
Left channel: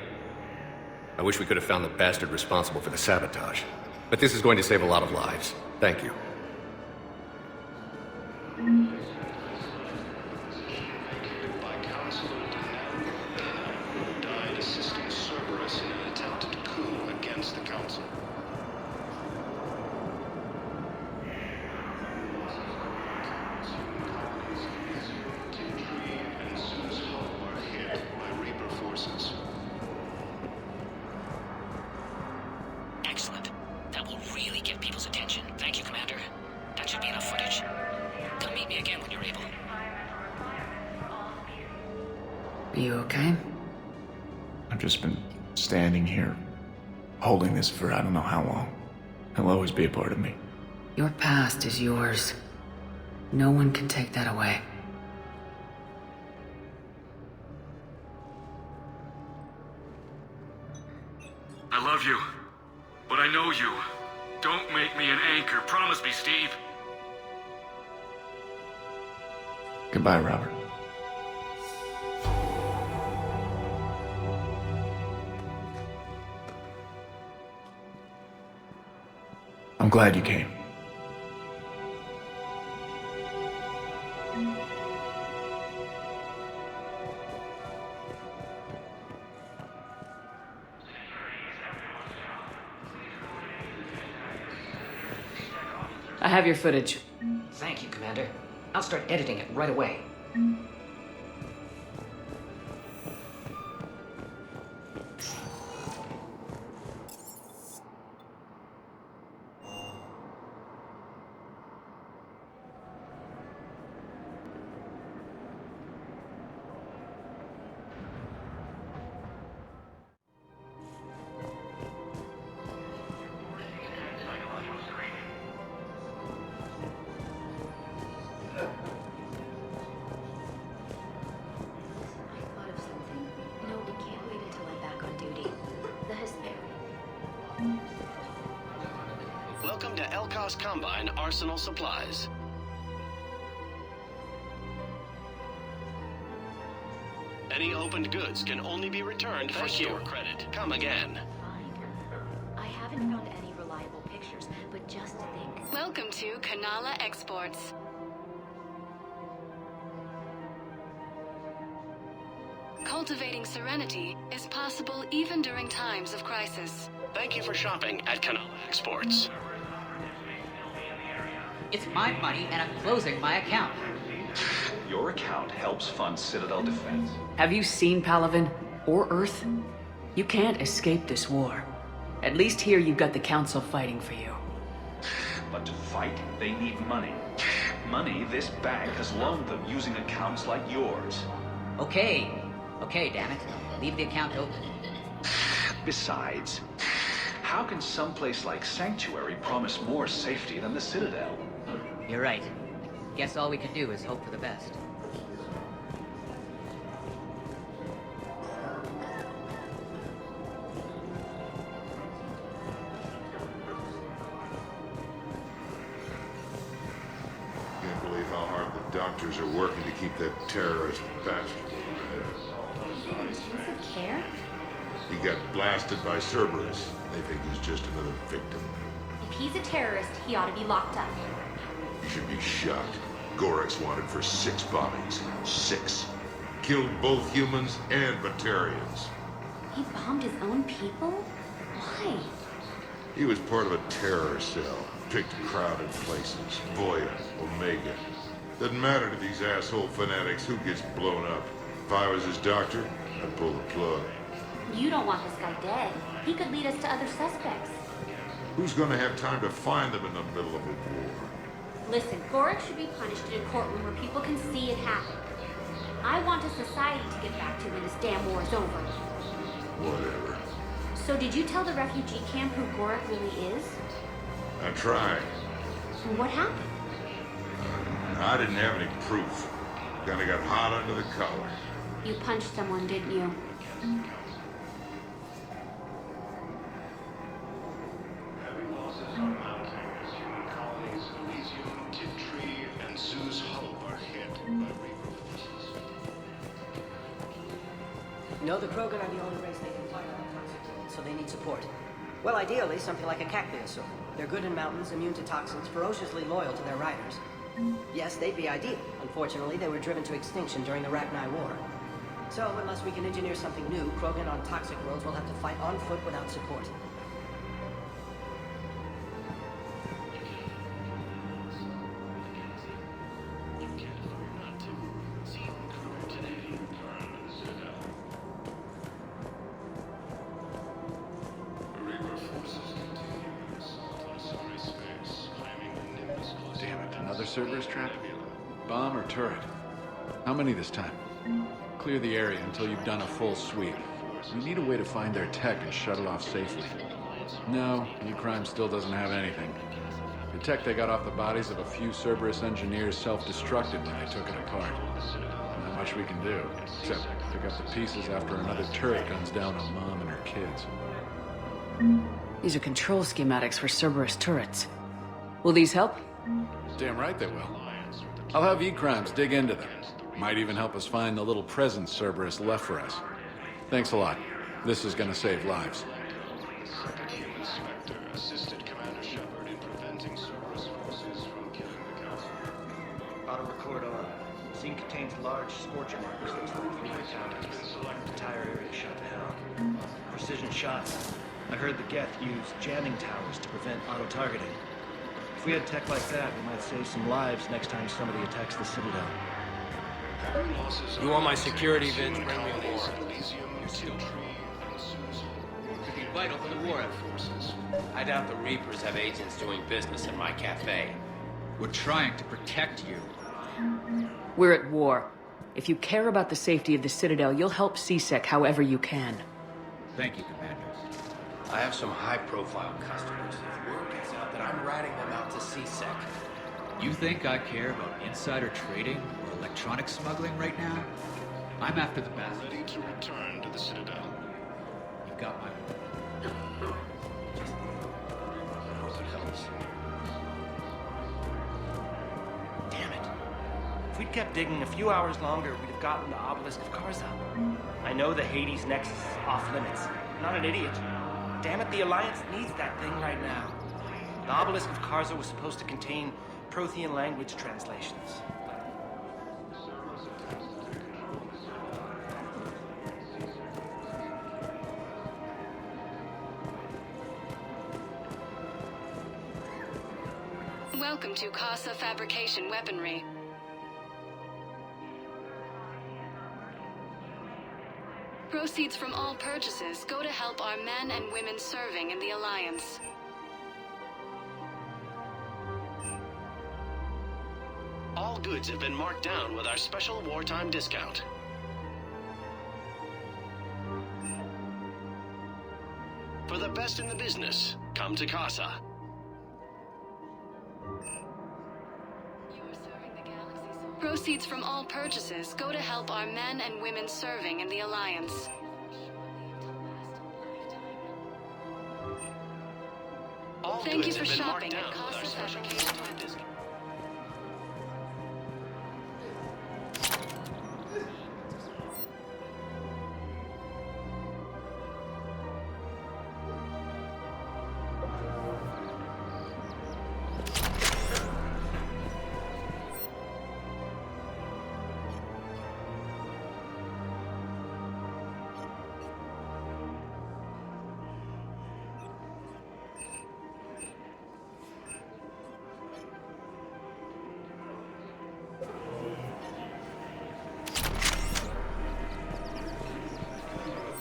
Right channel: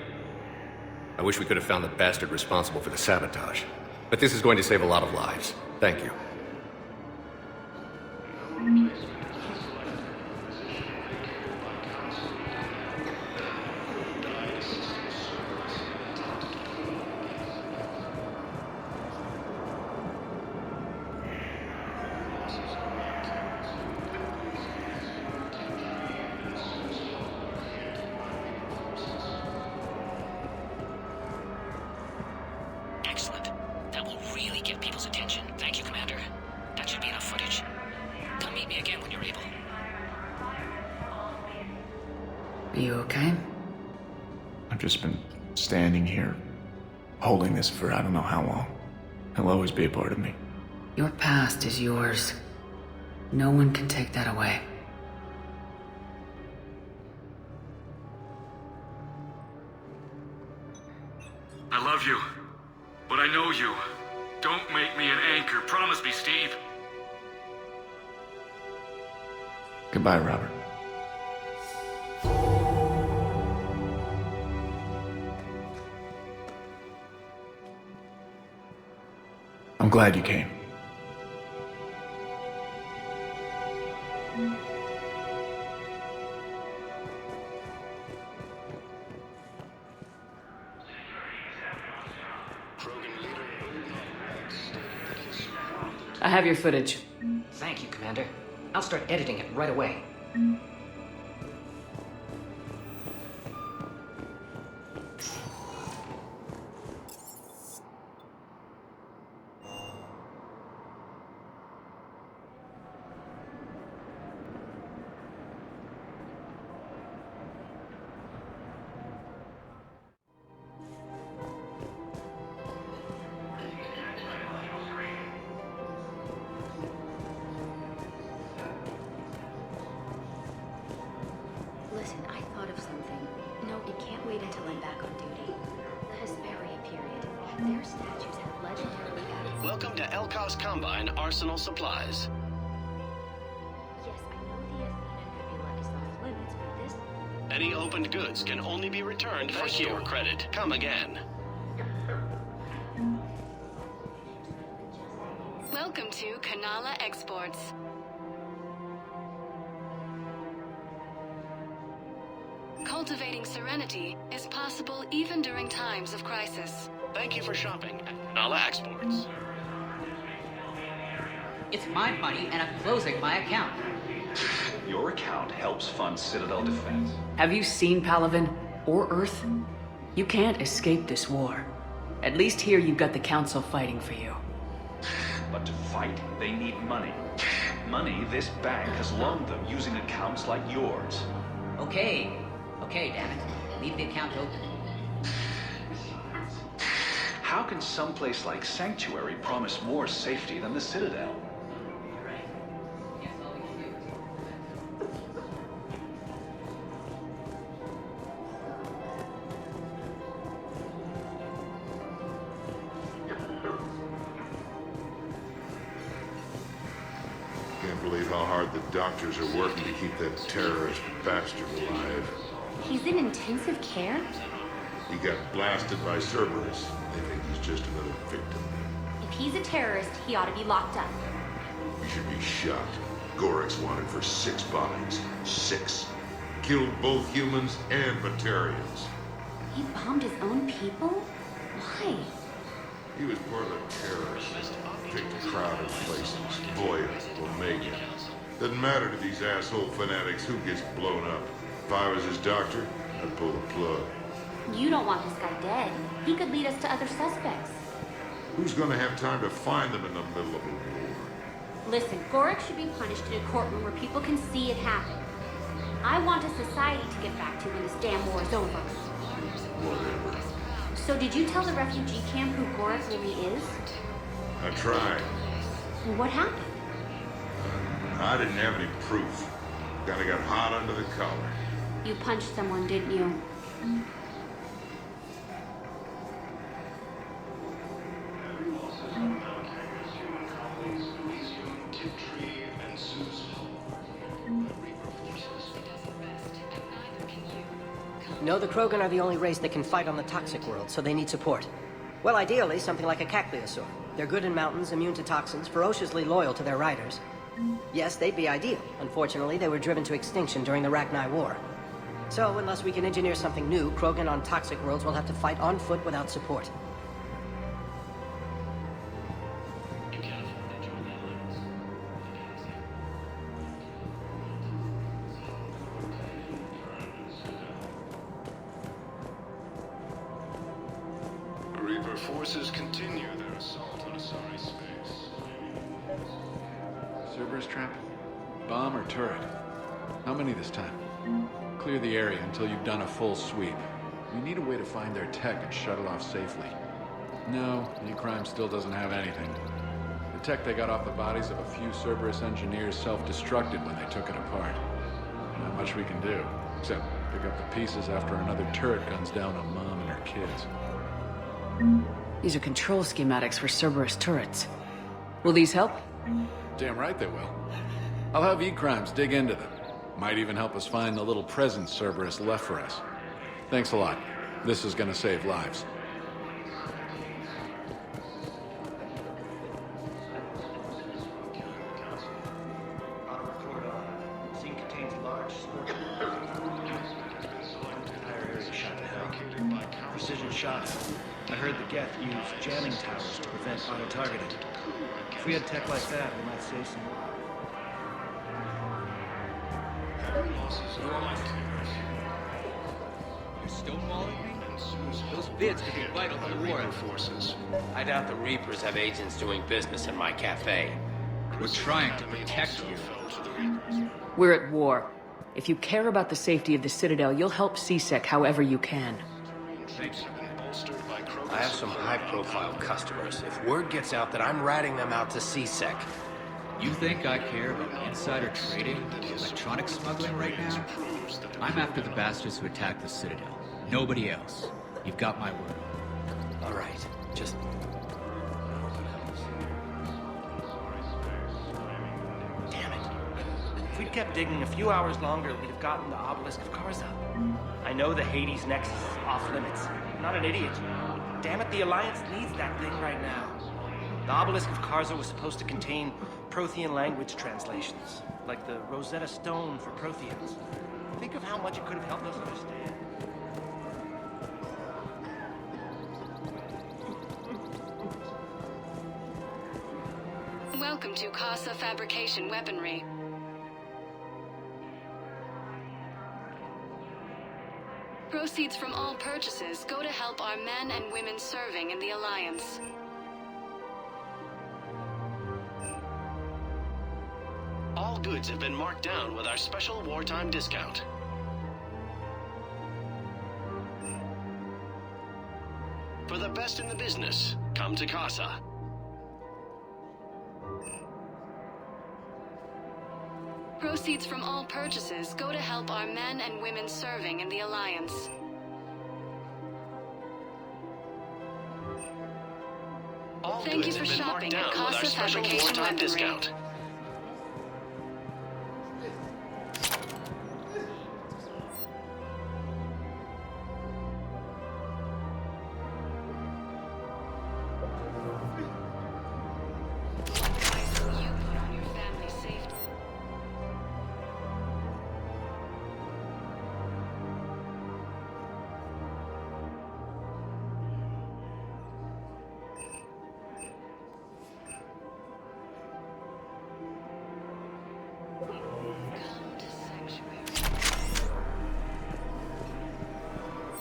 I wish we could have found the bastard responsible for the sabotage. But this is going to save a lot of lives. Thank you. Died assisting Cerberus in an attempted coup against the Council. Losses are mounting as human colonies in Tintri and Zeus Hope are hit by Reaper forces. Excellent. That will really get people's attention. Thank you, Commander. That should be enough footage. Come meet me again when you're able. Are you okay? I've just been standing here, holding this for I don't know how long. It'll always be a part of me. Your past is yours. No one can take that away. I love you, but I know you. Don't make me an anchor. Promise me, Steve. Goodbye, Robert. I'm glad you came. I have your footage. Thank you, Commander. I'll start editing it right away. Listen, I thought of something. No, it can't wait until I'm back on duty. The Hesperia period. Their statues have legendary... Welcome to Elkos Combine Arsenal Supplies. Any opened goods can only be returned for store credit. Come again. Welcome to Kanala Exports. Cultivating serenity is possible even during times of crisis. Thank you for shopping at Kanala Exports. It's my money and I'm closing my account. Your account helps fund Citadel defense. Have you seen Palaven or Earth? You can't escape this war. At least here you've got the Council fighting for you. But to fight, they need money. Money this bank has loaned them using accounts like yours. Okay, damn it. Leave the account open. Besides, how can someplace like Sanctuary promise more safety than the Citadel? You're right. Guess all we can do is hope for the best. Can't believe how hard the doctors are working to keep that terrorist bastard alive. He's in intensive care? He got blasted by Cerberus. They think he's just another victim. If he's a terrorist, he ought to be locked up. He should be shot. Gorek's wanted for 6 bombings. 6. Killed both humans and Batarians. He bombed his own people? Why? He was part of a terror cell. Picked crowded places. Voya, Omega. Doesn't matter to these asshole fanatics who gets blown up. If I was his doctor, I'd pull the plug. You don't want this guy dead. He could lead us to other suspects. Who's gonna have time to find them in the middle of a war? Listen, Gorek should be punished in a courtroom where people can see it happen. I want a society to get back to when this damn war is over. Whatever. So did you tell the refugee camp who Gorek really is? I tried. What happened? I didn't have any proof. Kinda got hot under the collar. You punched someone, didn't you? No, the Krogan are the only race that can fight on the toxic world, so they need support. Well, ideally, something like a Cacliosaur. They're good in mountains, immune to toxins, ferociously loyal to their riders. Yes, they'd be ideal. Unfortunately, they were driven to extinction during the Rachni War. So, unless we can engineer something new, Krogan on toxic worlds will have to fight on foot without support. Reaper forces continue their assault on Asari space, claiming... Damn it, another Cerberus trap? Bomb or turret? How many this time? Clear the area until you've done a full sweep. We need a way to find their tech and shut it off safely. No, E-Crime still doesn't have anything. The tech they got off the bodies of a few Cerberus engineers self-destructed when they took it apart. Not much we can do, except pick up the pieces after another turret guns down on Mom and her kids. These are control schematics for Cerberus turrets. Will these help? Damn right they will. I'll have E-Crimes dig into them. Might even help us find the little present Cerberus left for us. Thanks a lot. This is gonna save lives. Auto-record on. Scene contains large scorch marks. The entire area shot to hell. Precision shots. I heard the Geth use jamming towers to prevent auto-targeting. If we had tech like that, we might save some lives next time somebody attacks the Citadel. You want my security vids? You're still calling? Those vids could be vital to the war effort. I doubt the Reapers have agents doing business in my cafe. We're trying to protect you. We're at war. If you care about the safety of the Citadel, you'll help CSEC however you can. Thank you, Commander. I have some high-profile customers. If word gets out that I'm ratting them out to CSEC... You think I care about insider trading or electronic smuggling right now? I'm after the bastards who attacked the city. Nobody else. You've got my word. All right. Just... I hope it helps. Damn it. If we'd kept digging a few hours longer, we'd have gotten the Obelisk of Karza. I know the Hades Nexus is off limits. I'm not an idiot. Damn it, the Alliance needs that thing right now. The Obelisk of Karza was supposed to contain Prothean language translations, like the Rosetta Stone for Protheans. Think of how much it could have helped us understand. Welcome to Casa Fabrication Weaponry. Proceeds from all purchases go to help our men and women serving in the Alliance. All goods have been marked down with our special wartime discount. For the best in the business, come to Casa. Proceeds from all purchases go to help our men and women serving in the Alliance. All Thank you goods for have been marked shopping down at with our Casa special Fabrication wartime Weaponry. discount.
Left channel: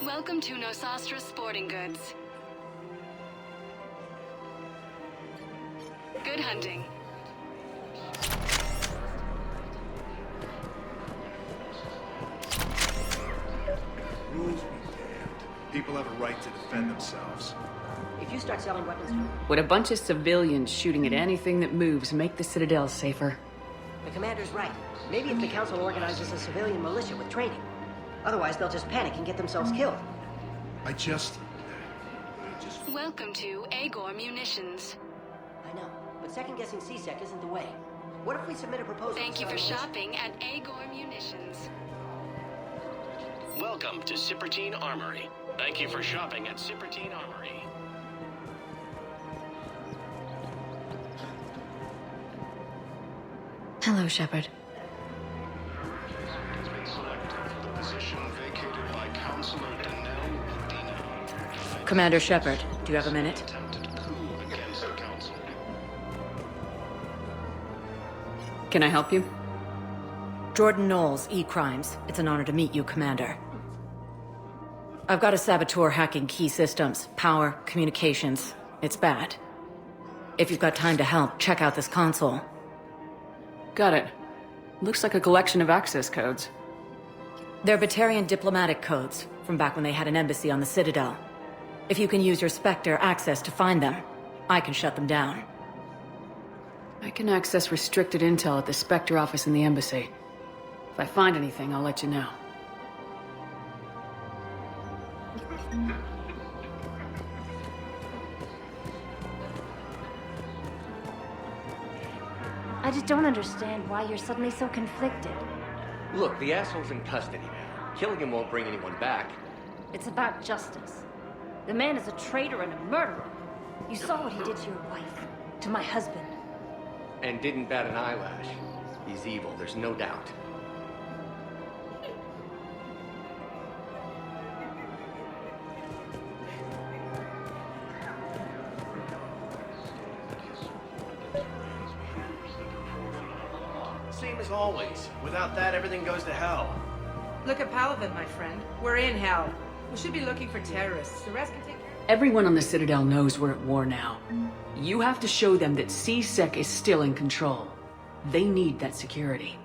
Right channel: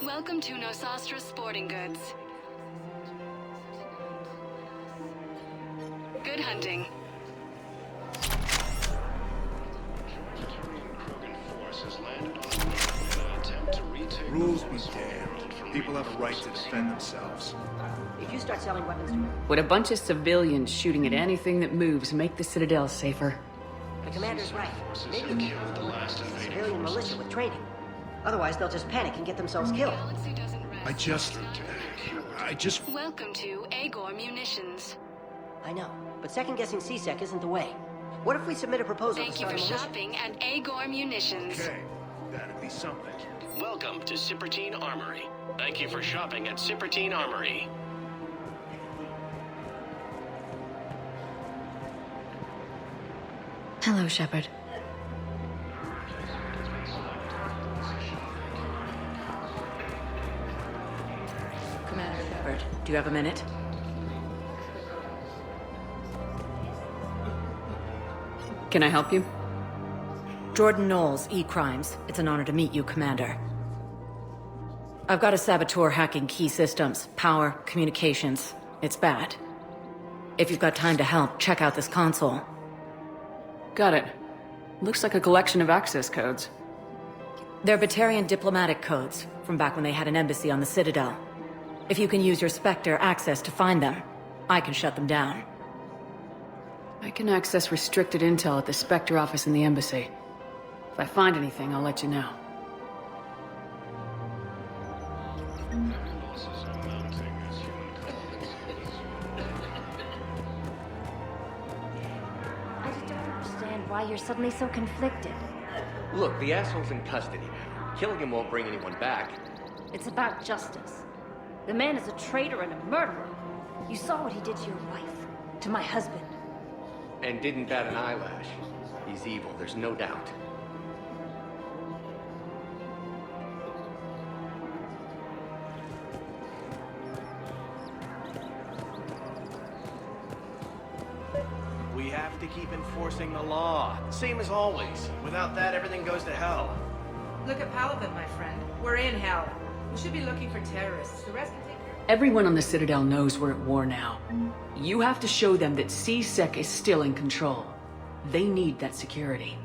Welcome to Nosastra Sporting Goods. Good hunting. Rules be damned. People have a right to defend themselves. If you start selling weapons to Would a bunch of civilians shooting at anything that moves make the Citadel safer? the commander's right. Maybe if the council organizes a civilian militia with training. Otherwise, they'll just panic and get themselves killed. I just... Welcome to Agor Munitions. I know, but second-guessing CSEC isn't the way. What if we submit a proposal Thank to you for start a militia? shopping at Agor Munitions. Welcome to Cipertine Armory. Thank you for shopping at Cipertine Armory. Hello, Shepard. Commander Shepard, do you have a minute? Can I help you? Jordan Knowles, E-Crimes. It's an honor to meet you, Commander. I've got a saboteur hacking key systems, power, communications. It's bad. If you've got time to help, check out this console. Got it. Looks like a collection of access codes. They're Batarian diplomatic codes, from back when they had an embassy on the Citadel. If you can use your Spectre access to find them, I can shut them down. I can access restricted intel at the Spectre office in the embassy. If I find anything, I'll let you know. I just don't understand why you're suddenly so conflicted. Look, the asshole's in custody now. Killing him won't bring anyone back. It's about justice. The man is a traitor and a murderer. You saw what he did to your wife, to my husband. And didn't bat an eyelash. He's evil, there's no doubt. We have to keep enforcing the law. Same as always. Without that, everything goes to hell. Look at Paladin, my friend. We're in hell. We should be looking for terrorists. The rest can take care of it. Everyone on the Citadel knows we're at war now. You have to show them that C-Sec is still in control. They need that security.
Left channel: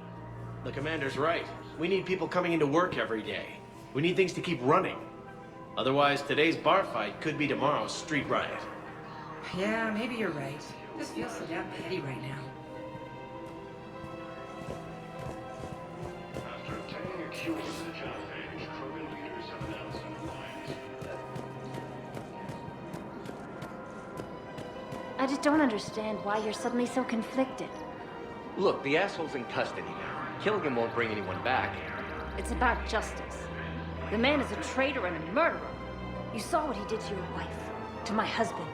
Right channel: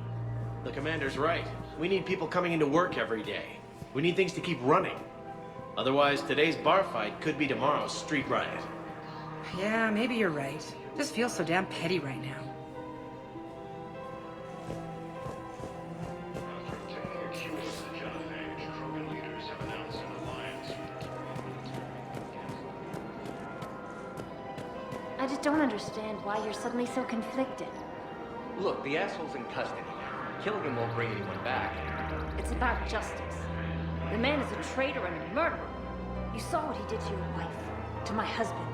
The commander's right. We need people coming into work every day. We need things to keep running. Otherwise, today's bar fight could be tomorrow's street riot. Yeah, maybe you're right. Just feels so damn petty right now. After obtaining a cure for the genophage, Krogan leaders have announced an alliance. I just don't understand why you're suddenly so conflicted. Look, the asshole's in custody now. Killing him won't bring anyone back. It's about justice. The man is a traitor and a murderer. You saw what he did to your wife, to my husband.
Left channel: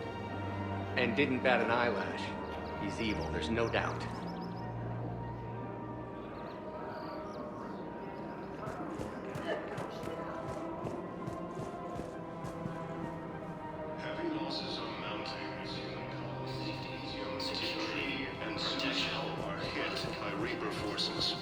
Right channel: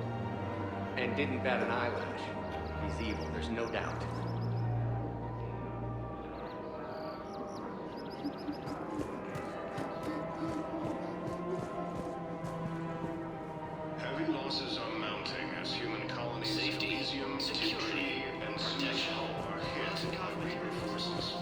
And didn't bat an eyelash. He's evil, there's no doubt. Heavy losses are mounting as human colonies safety, security, and protection are hit by Reaper forces.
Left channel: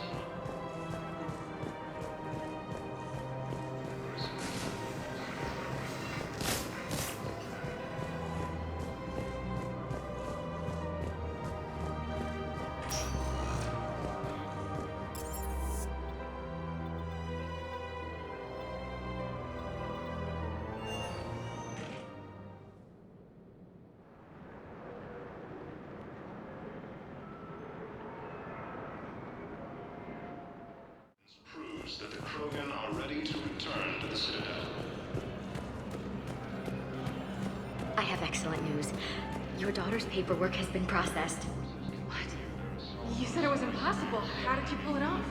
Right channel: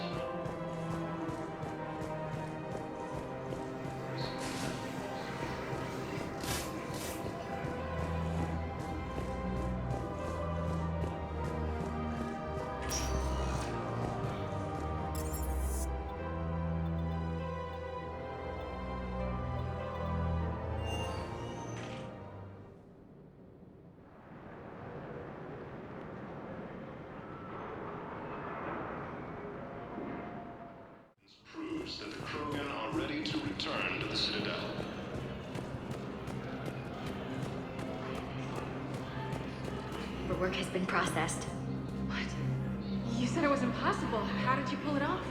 Proves that the Krogan are ready to return to the Citadel. I have excellent news. Your daughter's paperwork has been processed. You said it was impossible. How did you pull it off?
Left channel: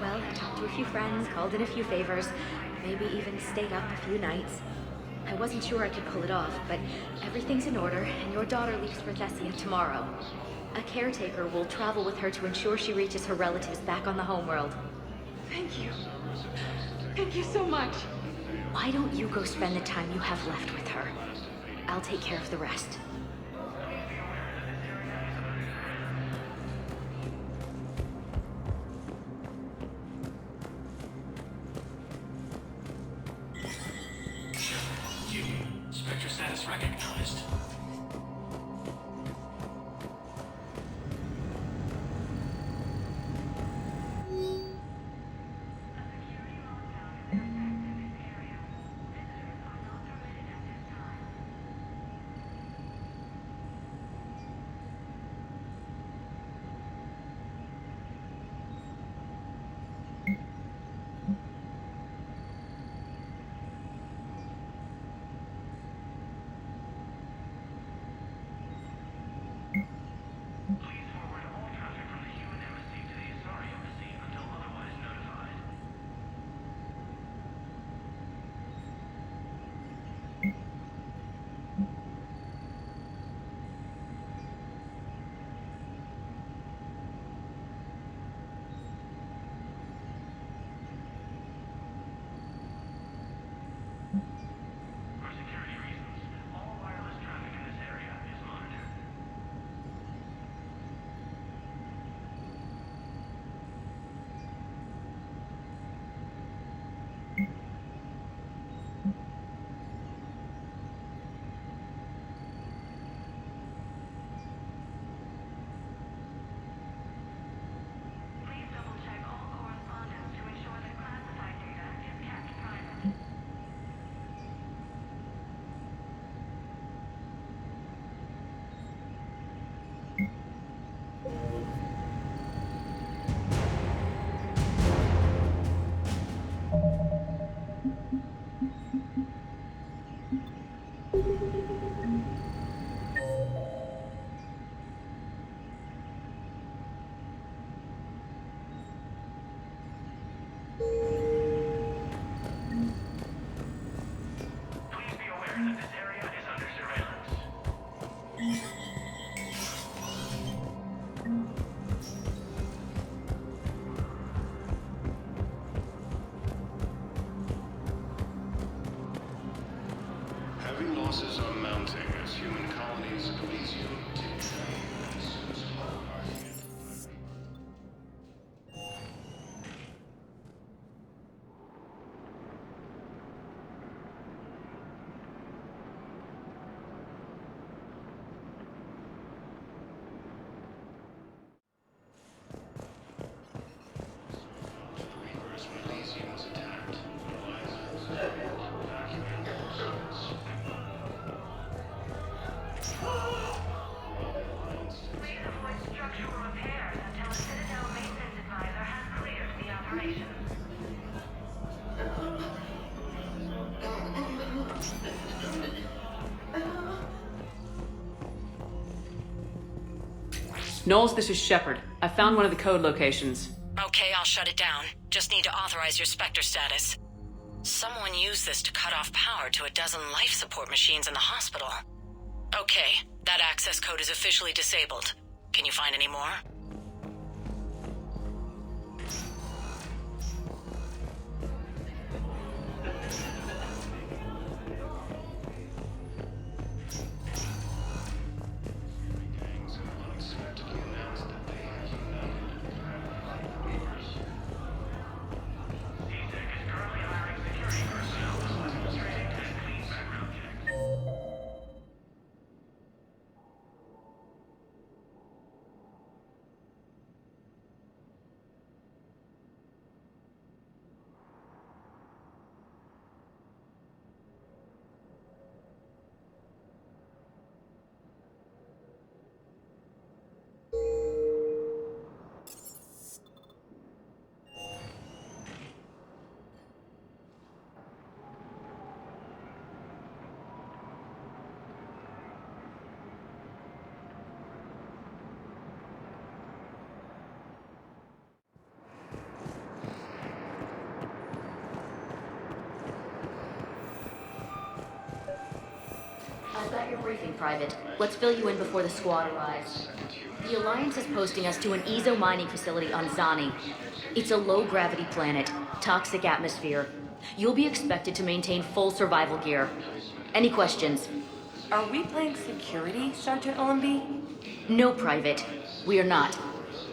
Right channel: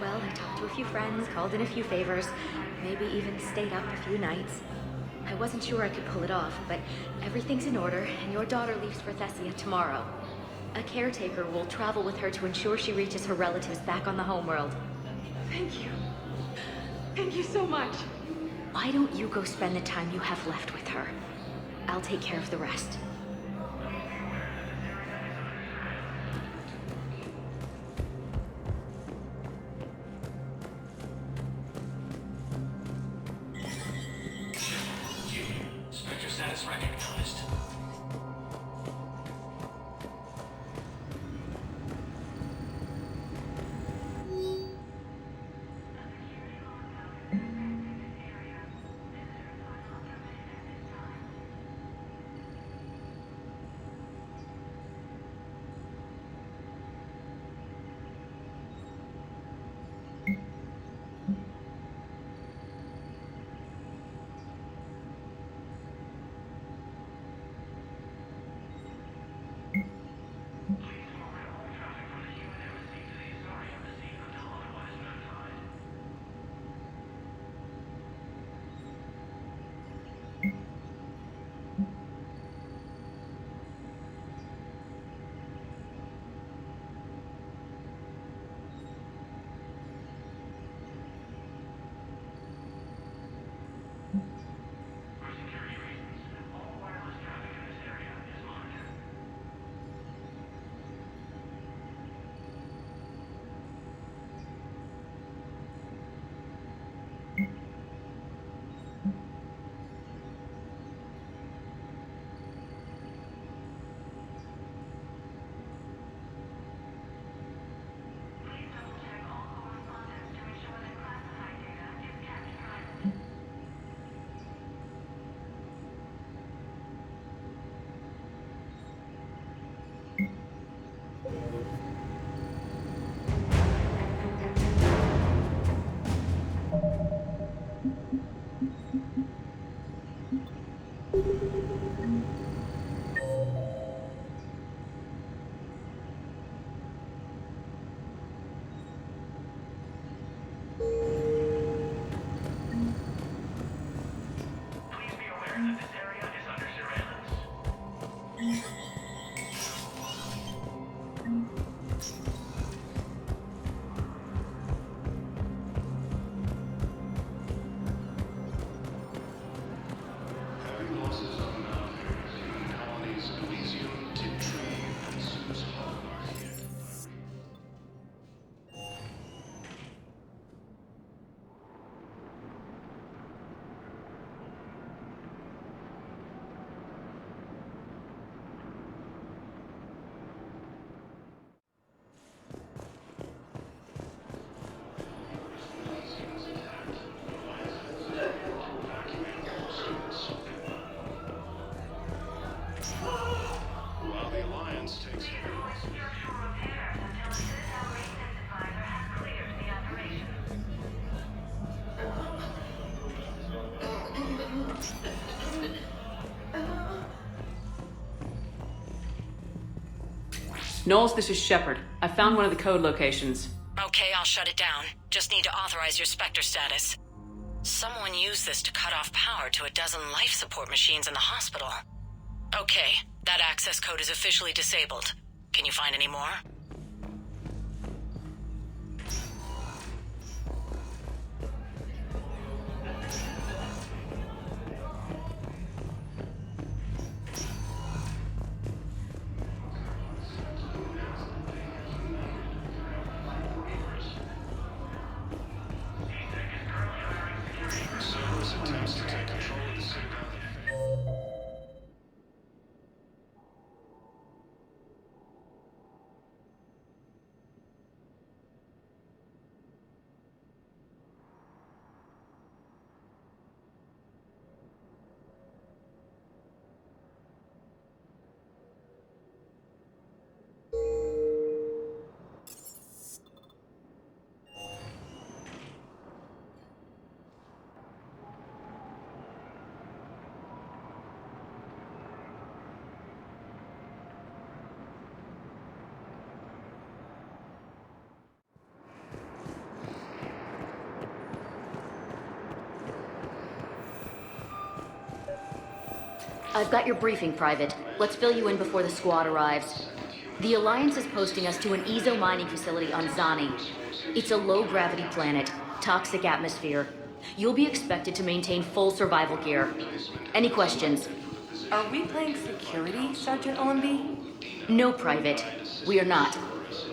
Well, I talked to a few friends, called in a few favors, maybe even stayed up a few nights. I wasn't sure I could pull it off, but everything's in order, and your daughter leaves for Thessia tomorrow. A caretaker will travel with her to ensure she reaches her relatives back on the homeworld. Thank you. Thank you so much. Why don't you go spend the time you have left with her? I'll take care of the rest. Spectre status recognized. Heavy losses are mounting as human colonies of Elysium, Tiptree, and Sue's Hull are hit. Knowles, this is Shepard. I found one of the code locations. Okay, I'll shut it down. Just need to authorize your Spectre status. Someone used this to cut off power to a dozen life support machines in the hospital. Okay, that access code is officially disabled. Can you find any more? I've got your briefing, Private. Let's fill you in before the squad arrives. The Alliance is posting us to an Ezo mining facility on Zani. It's a low-gravity planet, toxic atmosphere. You'll be expected to maintain full survival gear. Any questions? Are we playing security, Sergeant Allenby? No, Private. We are not.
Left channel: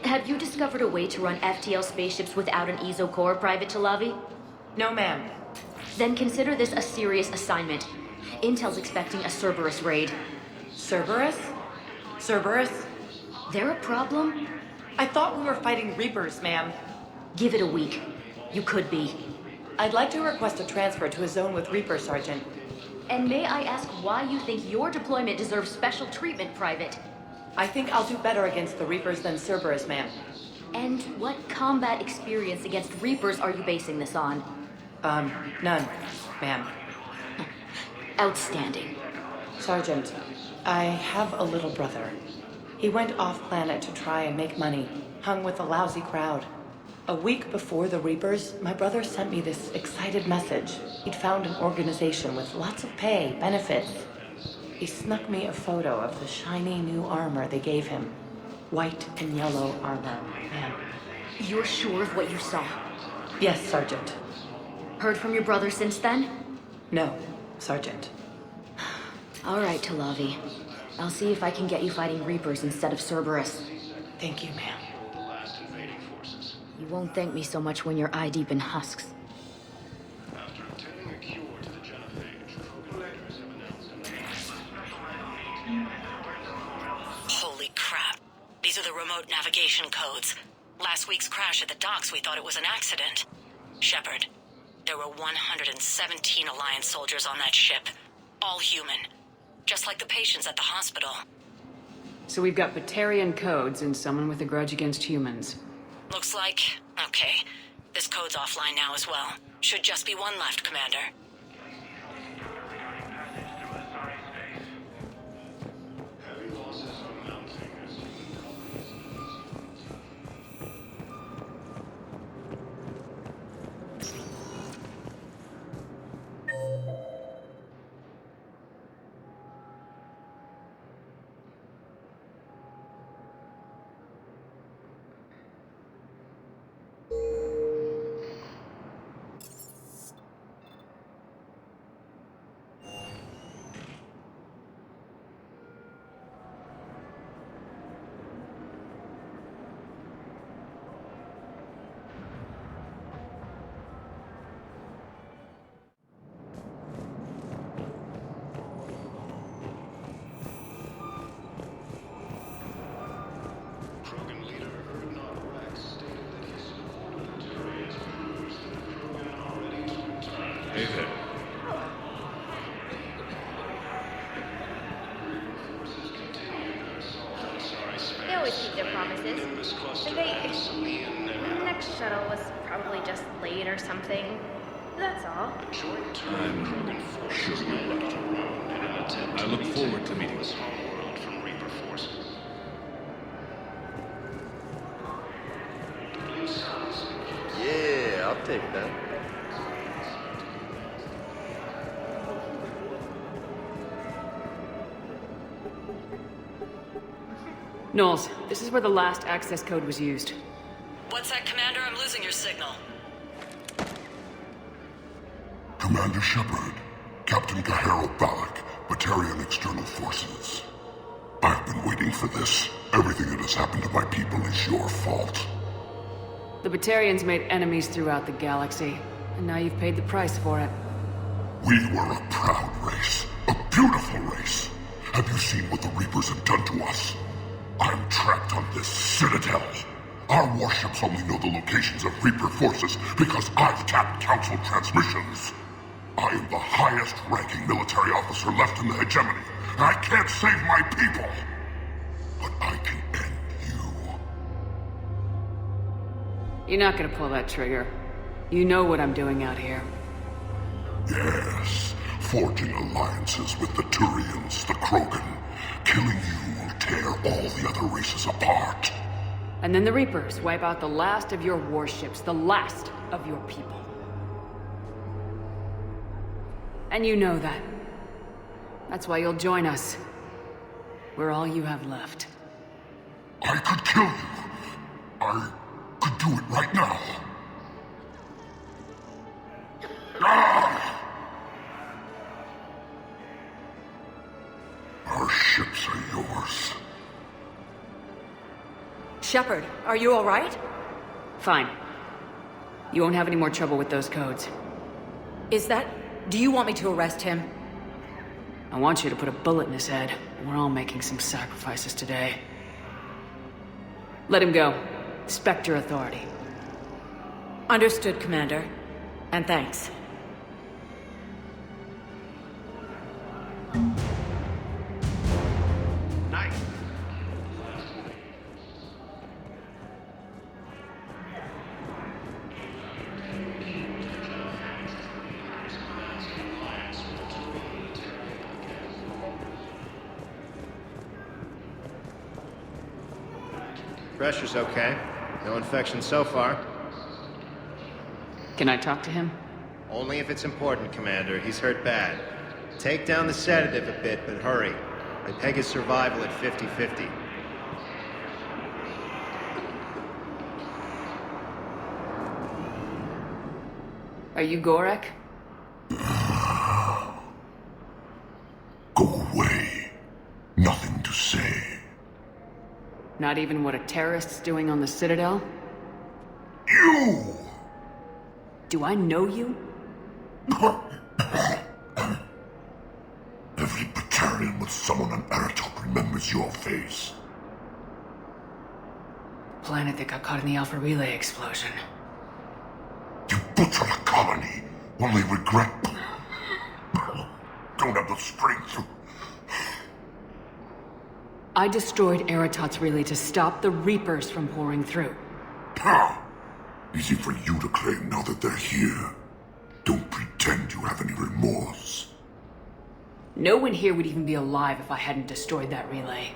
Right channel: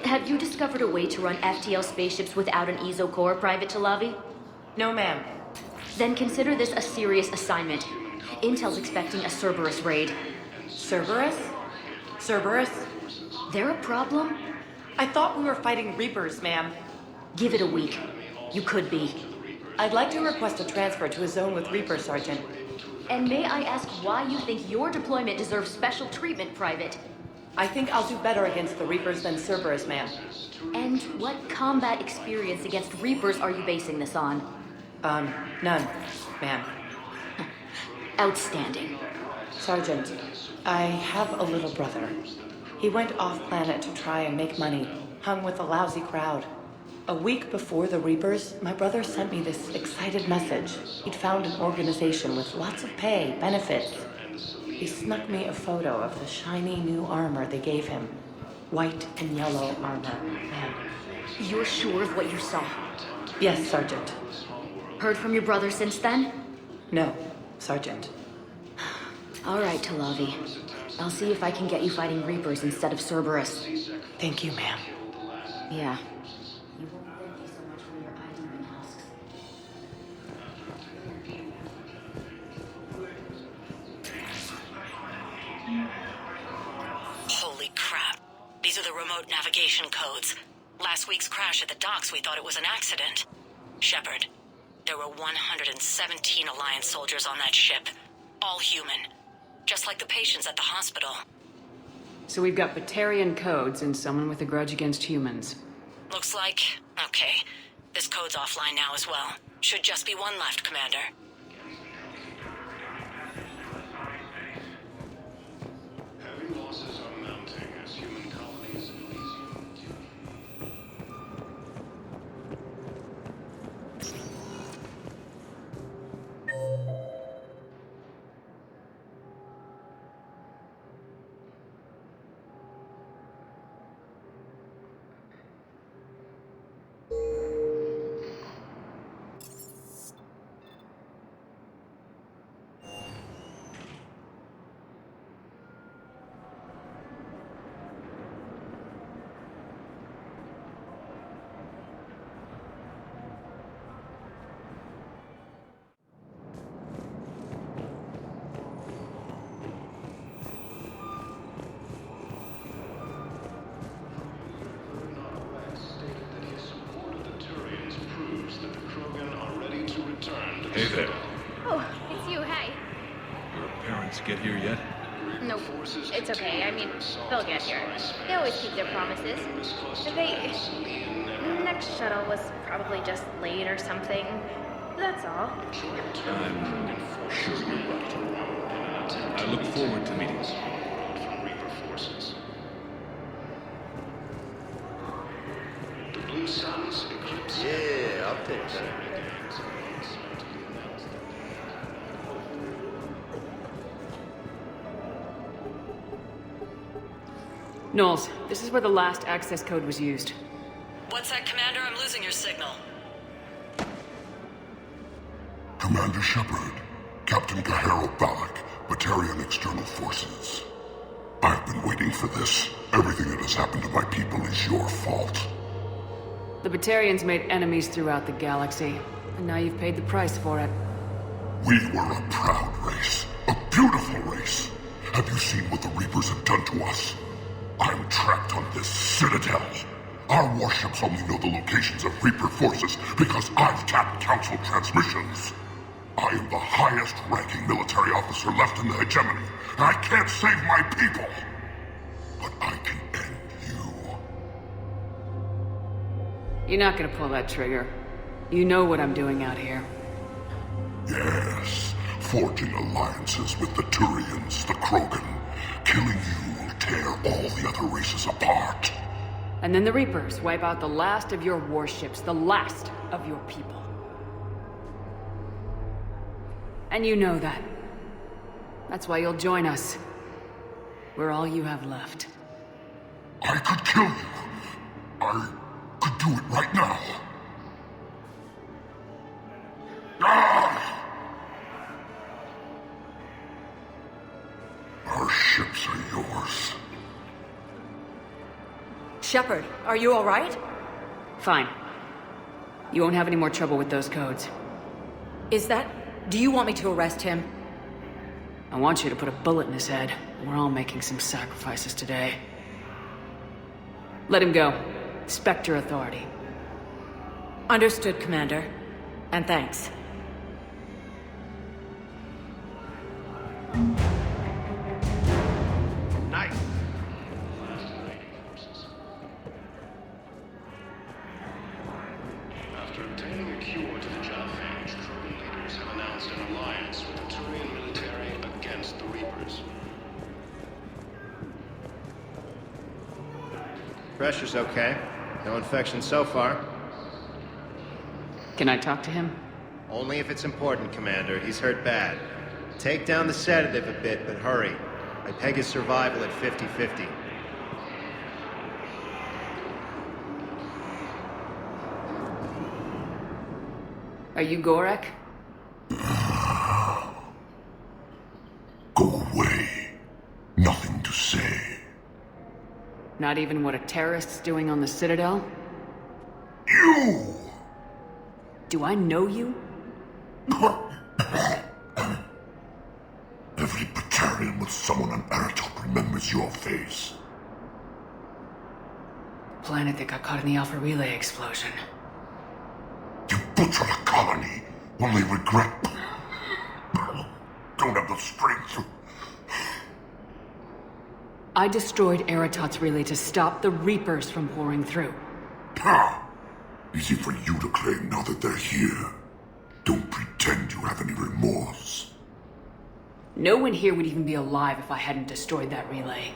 Have you discovered a way to run FTL spaceships without an Ezo core, Private Chalavi? No, ma'am. Then consider this a serious assignment. Intel's expecting a Cerberus raid. Cerberus? Cerberus? They're a problem? I thought we were fighting Reapers, ma'am. Give it a week. You could be. I'd like to request a transfer to a zone with Reaper, Sergeant. And may I ask why you think your deployment deserves special treatment, Private? I think I'll do better against the Reapers than Cerberus, ma'am. And what combat experience against Reapers are you basing this on? None, ma'am. Outstanding. Sergeant, I have a little brother. He went off-planet to try and make money, hung with a lousy crowd. A week before the Reapers, my brother sent me this excited message. He'd found an organization with lots of pay, benefits. He snuck me a photo of the shiny new armor they gave him. White and yellow armor, ma'am. You're sure of what you saw? Yes, Sergeant. Heard from your brother since then? No, Sergeant. All right, Talavi. I'll see if I can get you fighting Reapers instead of Cerberus. Thank you, ma'am. Yeah. You won't thank me so much when you're eye-deep in husks. Holy crap. These are the remote navigation codes. Last week's crash at the docks, we thought it was an accident. Shepard, there were 117 Alliance soldiers on that ship. All human. Just like the patients at the hospital. So we've got Batarian codes and someone with a grudge against humans. Looks like... okay. This code's offline now as well. Should just be one left, Commander. Heavy losses are mounting as human colonies. Hey there. Oh, it's you, hey. Parents get here yet? No, it's okay. I mean, they'll get here. They always keep their promises. Next shuttle was probably just late or something. That's all. I'm sure you're right. I look forward to meeting you. From Reaper forces. The Blue Suns eclipse. Yeah, I'll take that. Knowles, this is where the last access code was used. What's that, Commander? I'm losing your signal. Commander Shepard, Captain Kaharo Balak, Batarian External Forces. I've been waiting for this. Everything that has happened to my people is your fault. The Batarians made enemies throughout the galaxy, and now you've paid the price for it. We were a proud race, a beautiful race. Have you seen what the Reapers have done to us? I'm trapped on this Citadel. Our warships only know the locations of Reaper forces because I've tapped Council transmissions. I am the highest-ranking military officer left in the hegemony, and I can't save my people. But I can end you. You're not gonna pull that trigger. You know what I'm doing out here. Yes, forging alliances with the Turians, the Krogan. Killing you will tear all the other races apart. And then the Reapers wipe out the last of your warships, the last of your people. And you know that. That's why you'll join us. We're all you have left. I could kill you. I could do it right now. Ah! Our ships are yours. Shepard, are you all right? Fine. You won't have any more trouble with those codes. Is that... Do you want me to arrest him? I want you to put a bullet in his head. We're all making some sacrifices today. Let him go. Spectre Authority. Understood, Commander. And thanks. Night. After obtaining a cure to the genophage, Krogan leaders have announced an alliance with the Turian military against the Reapers. Pressure's okay. No infection so far. Can I talk to him? Only if it's important, Commander. He's hurt bad. Take down the sedative a bit, but hurry. I peg his survival at 50-50. Are you Gorek? Go away. Nothing to say. Not even what a terrorist's doing on the Citadel? You! Do I know you? Every Batarian with someone on Eratop remembers your face. Planet that got caught in the Alpha Relay explosion. You butchered a colony, only regret... Don't have the strength to... I destroyed Eratot's relay to stop the Reapers from pouring through. Ha! Easy for you to claim now that they're here. Don't pretend you have any remorse. No one here would even be alive if I hadn't destroyed that relay.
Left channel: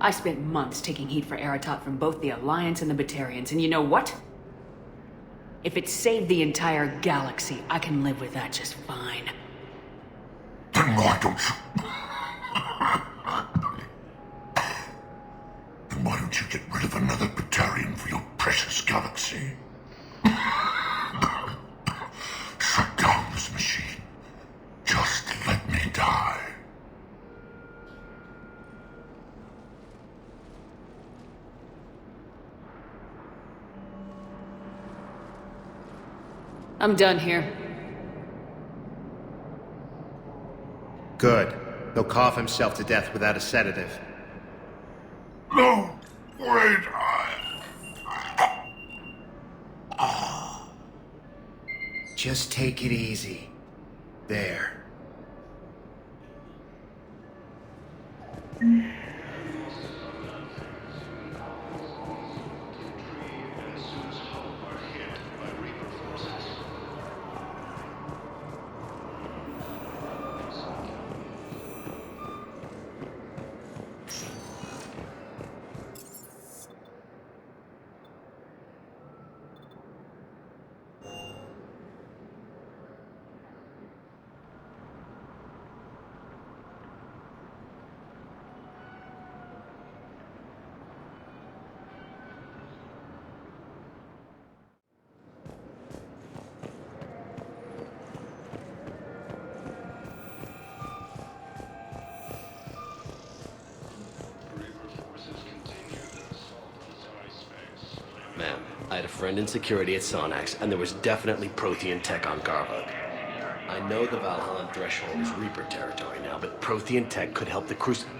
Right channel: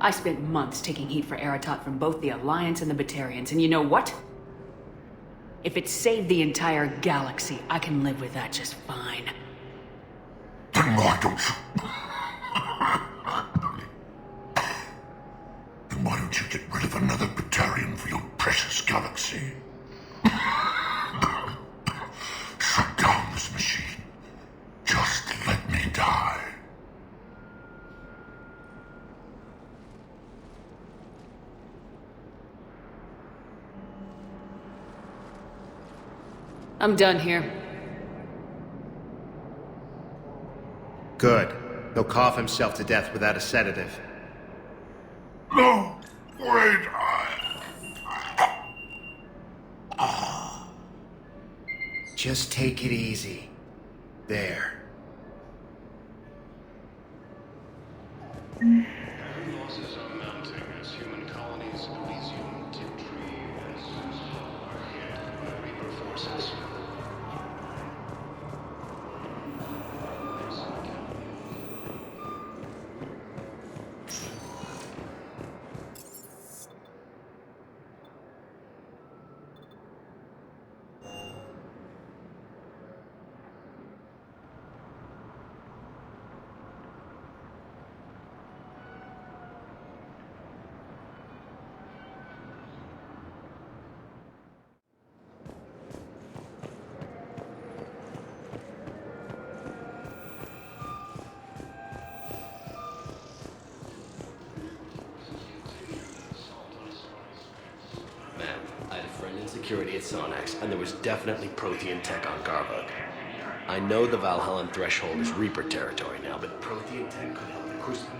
I spent months taking heat for Eratot from both the Alliance and the Batarians, and you know what? If it saved the entire galaxy, I can live with that just fine. Then why don't you... Then why don't you get rid of another Batarian for your precious galaxy? Shut down this machine. Just let me die. I'm done here. Good. He'll cough himself to death without a sedative. No! Wait! Just take it easy. There. Losses are mounting as human colonies resume to Tree and Sue's Hope are hit by Reaper forces. Ma'am, I had a friend in security at Sonax, and there was definitely Prothean tech on Garvug. I know the Valhallan threshold is Reaper territory now, but Prothean tech could help the Crucible.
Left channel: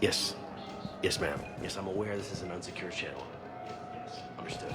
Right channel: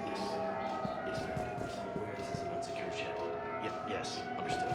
Yes. Yes, ma'am. Yes, I'm aware this is an unsecured channel. Yes, understood.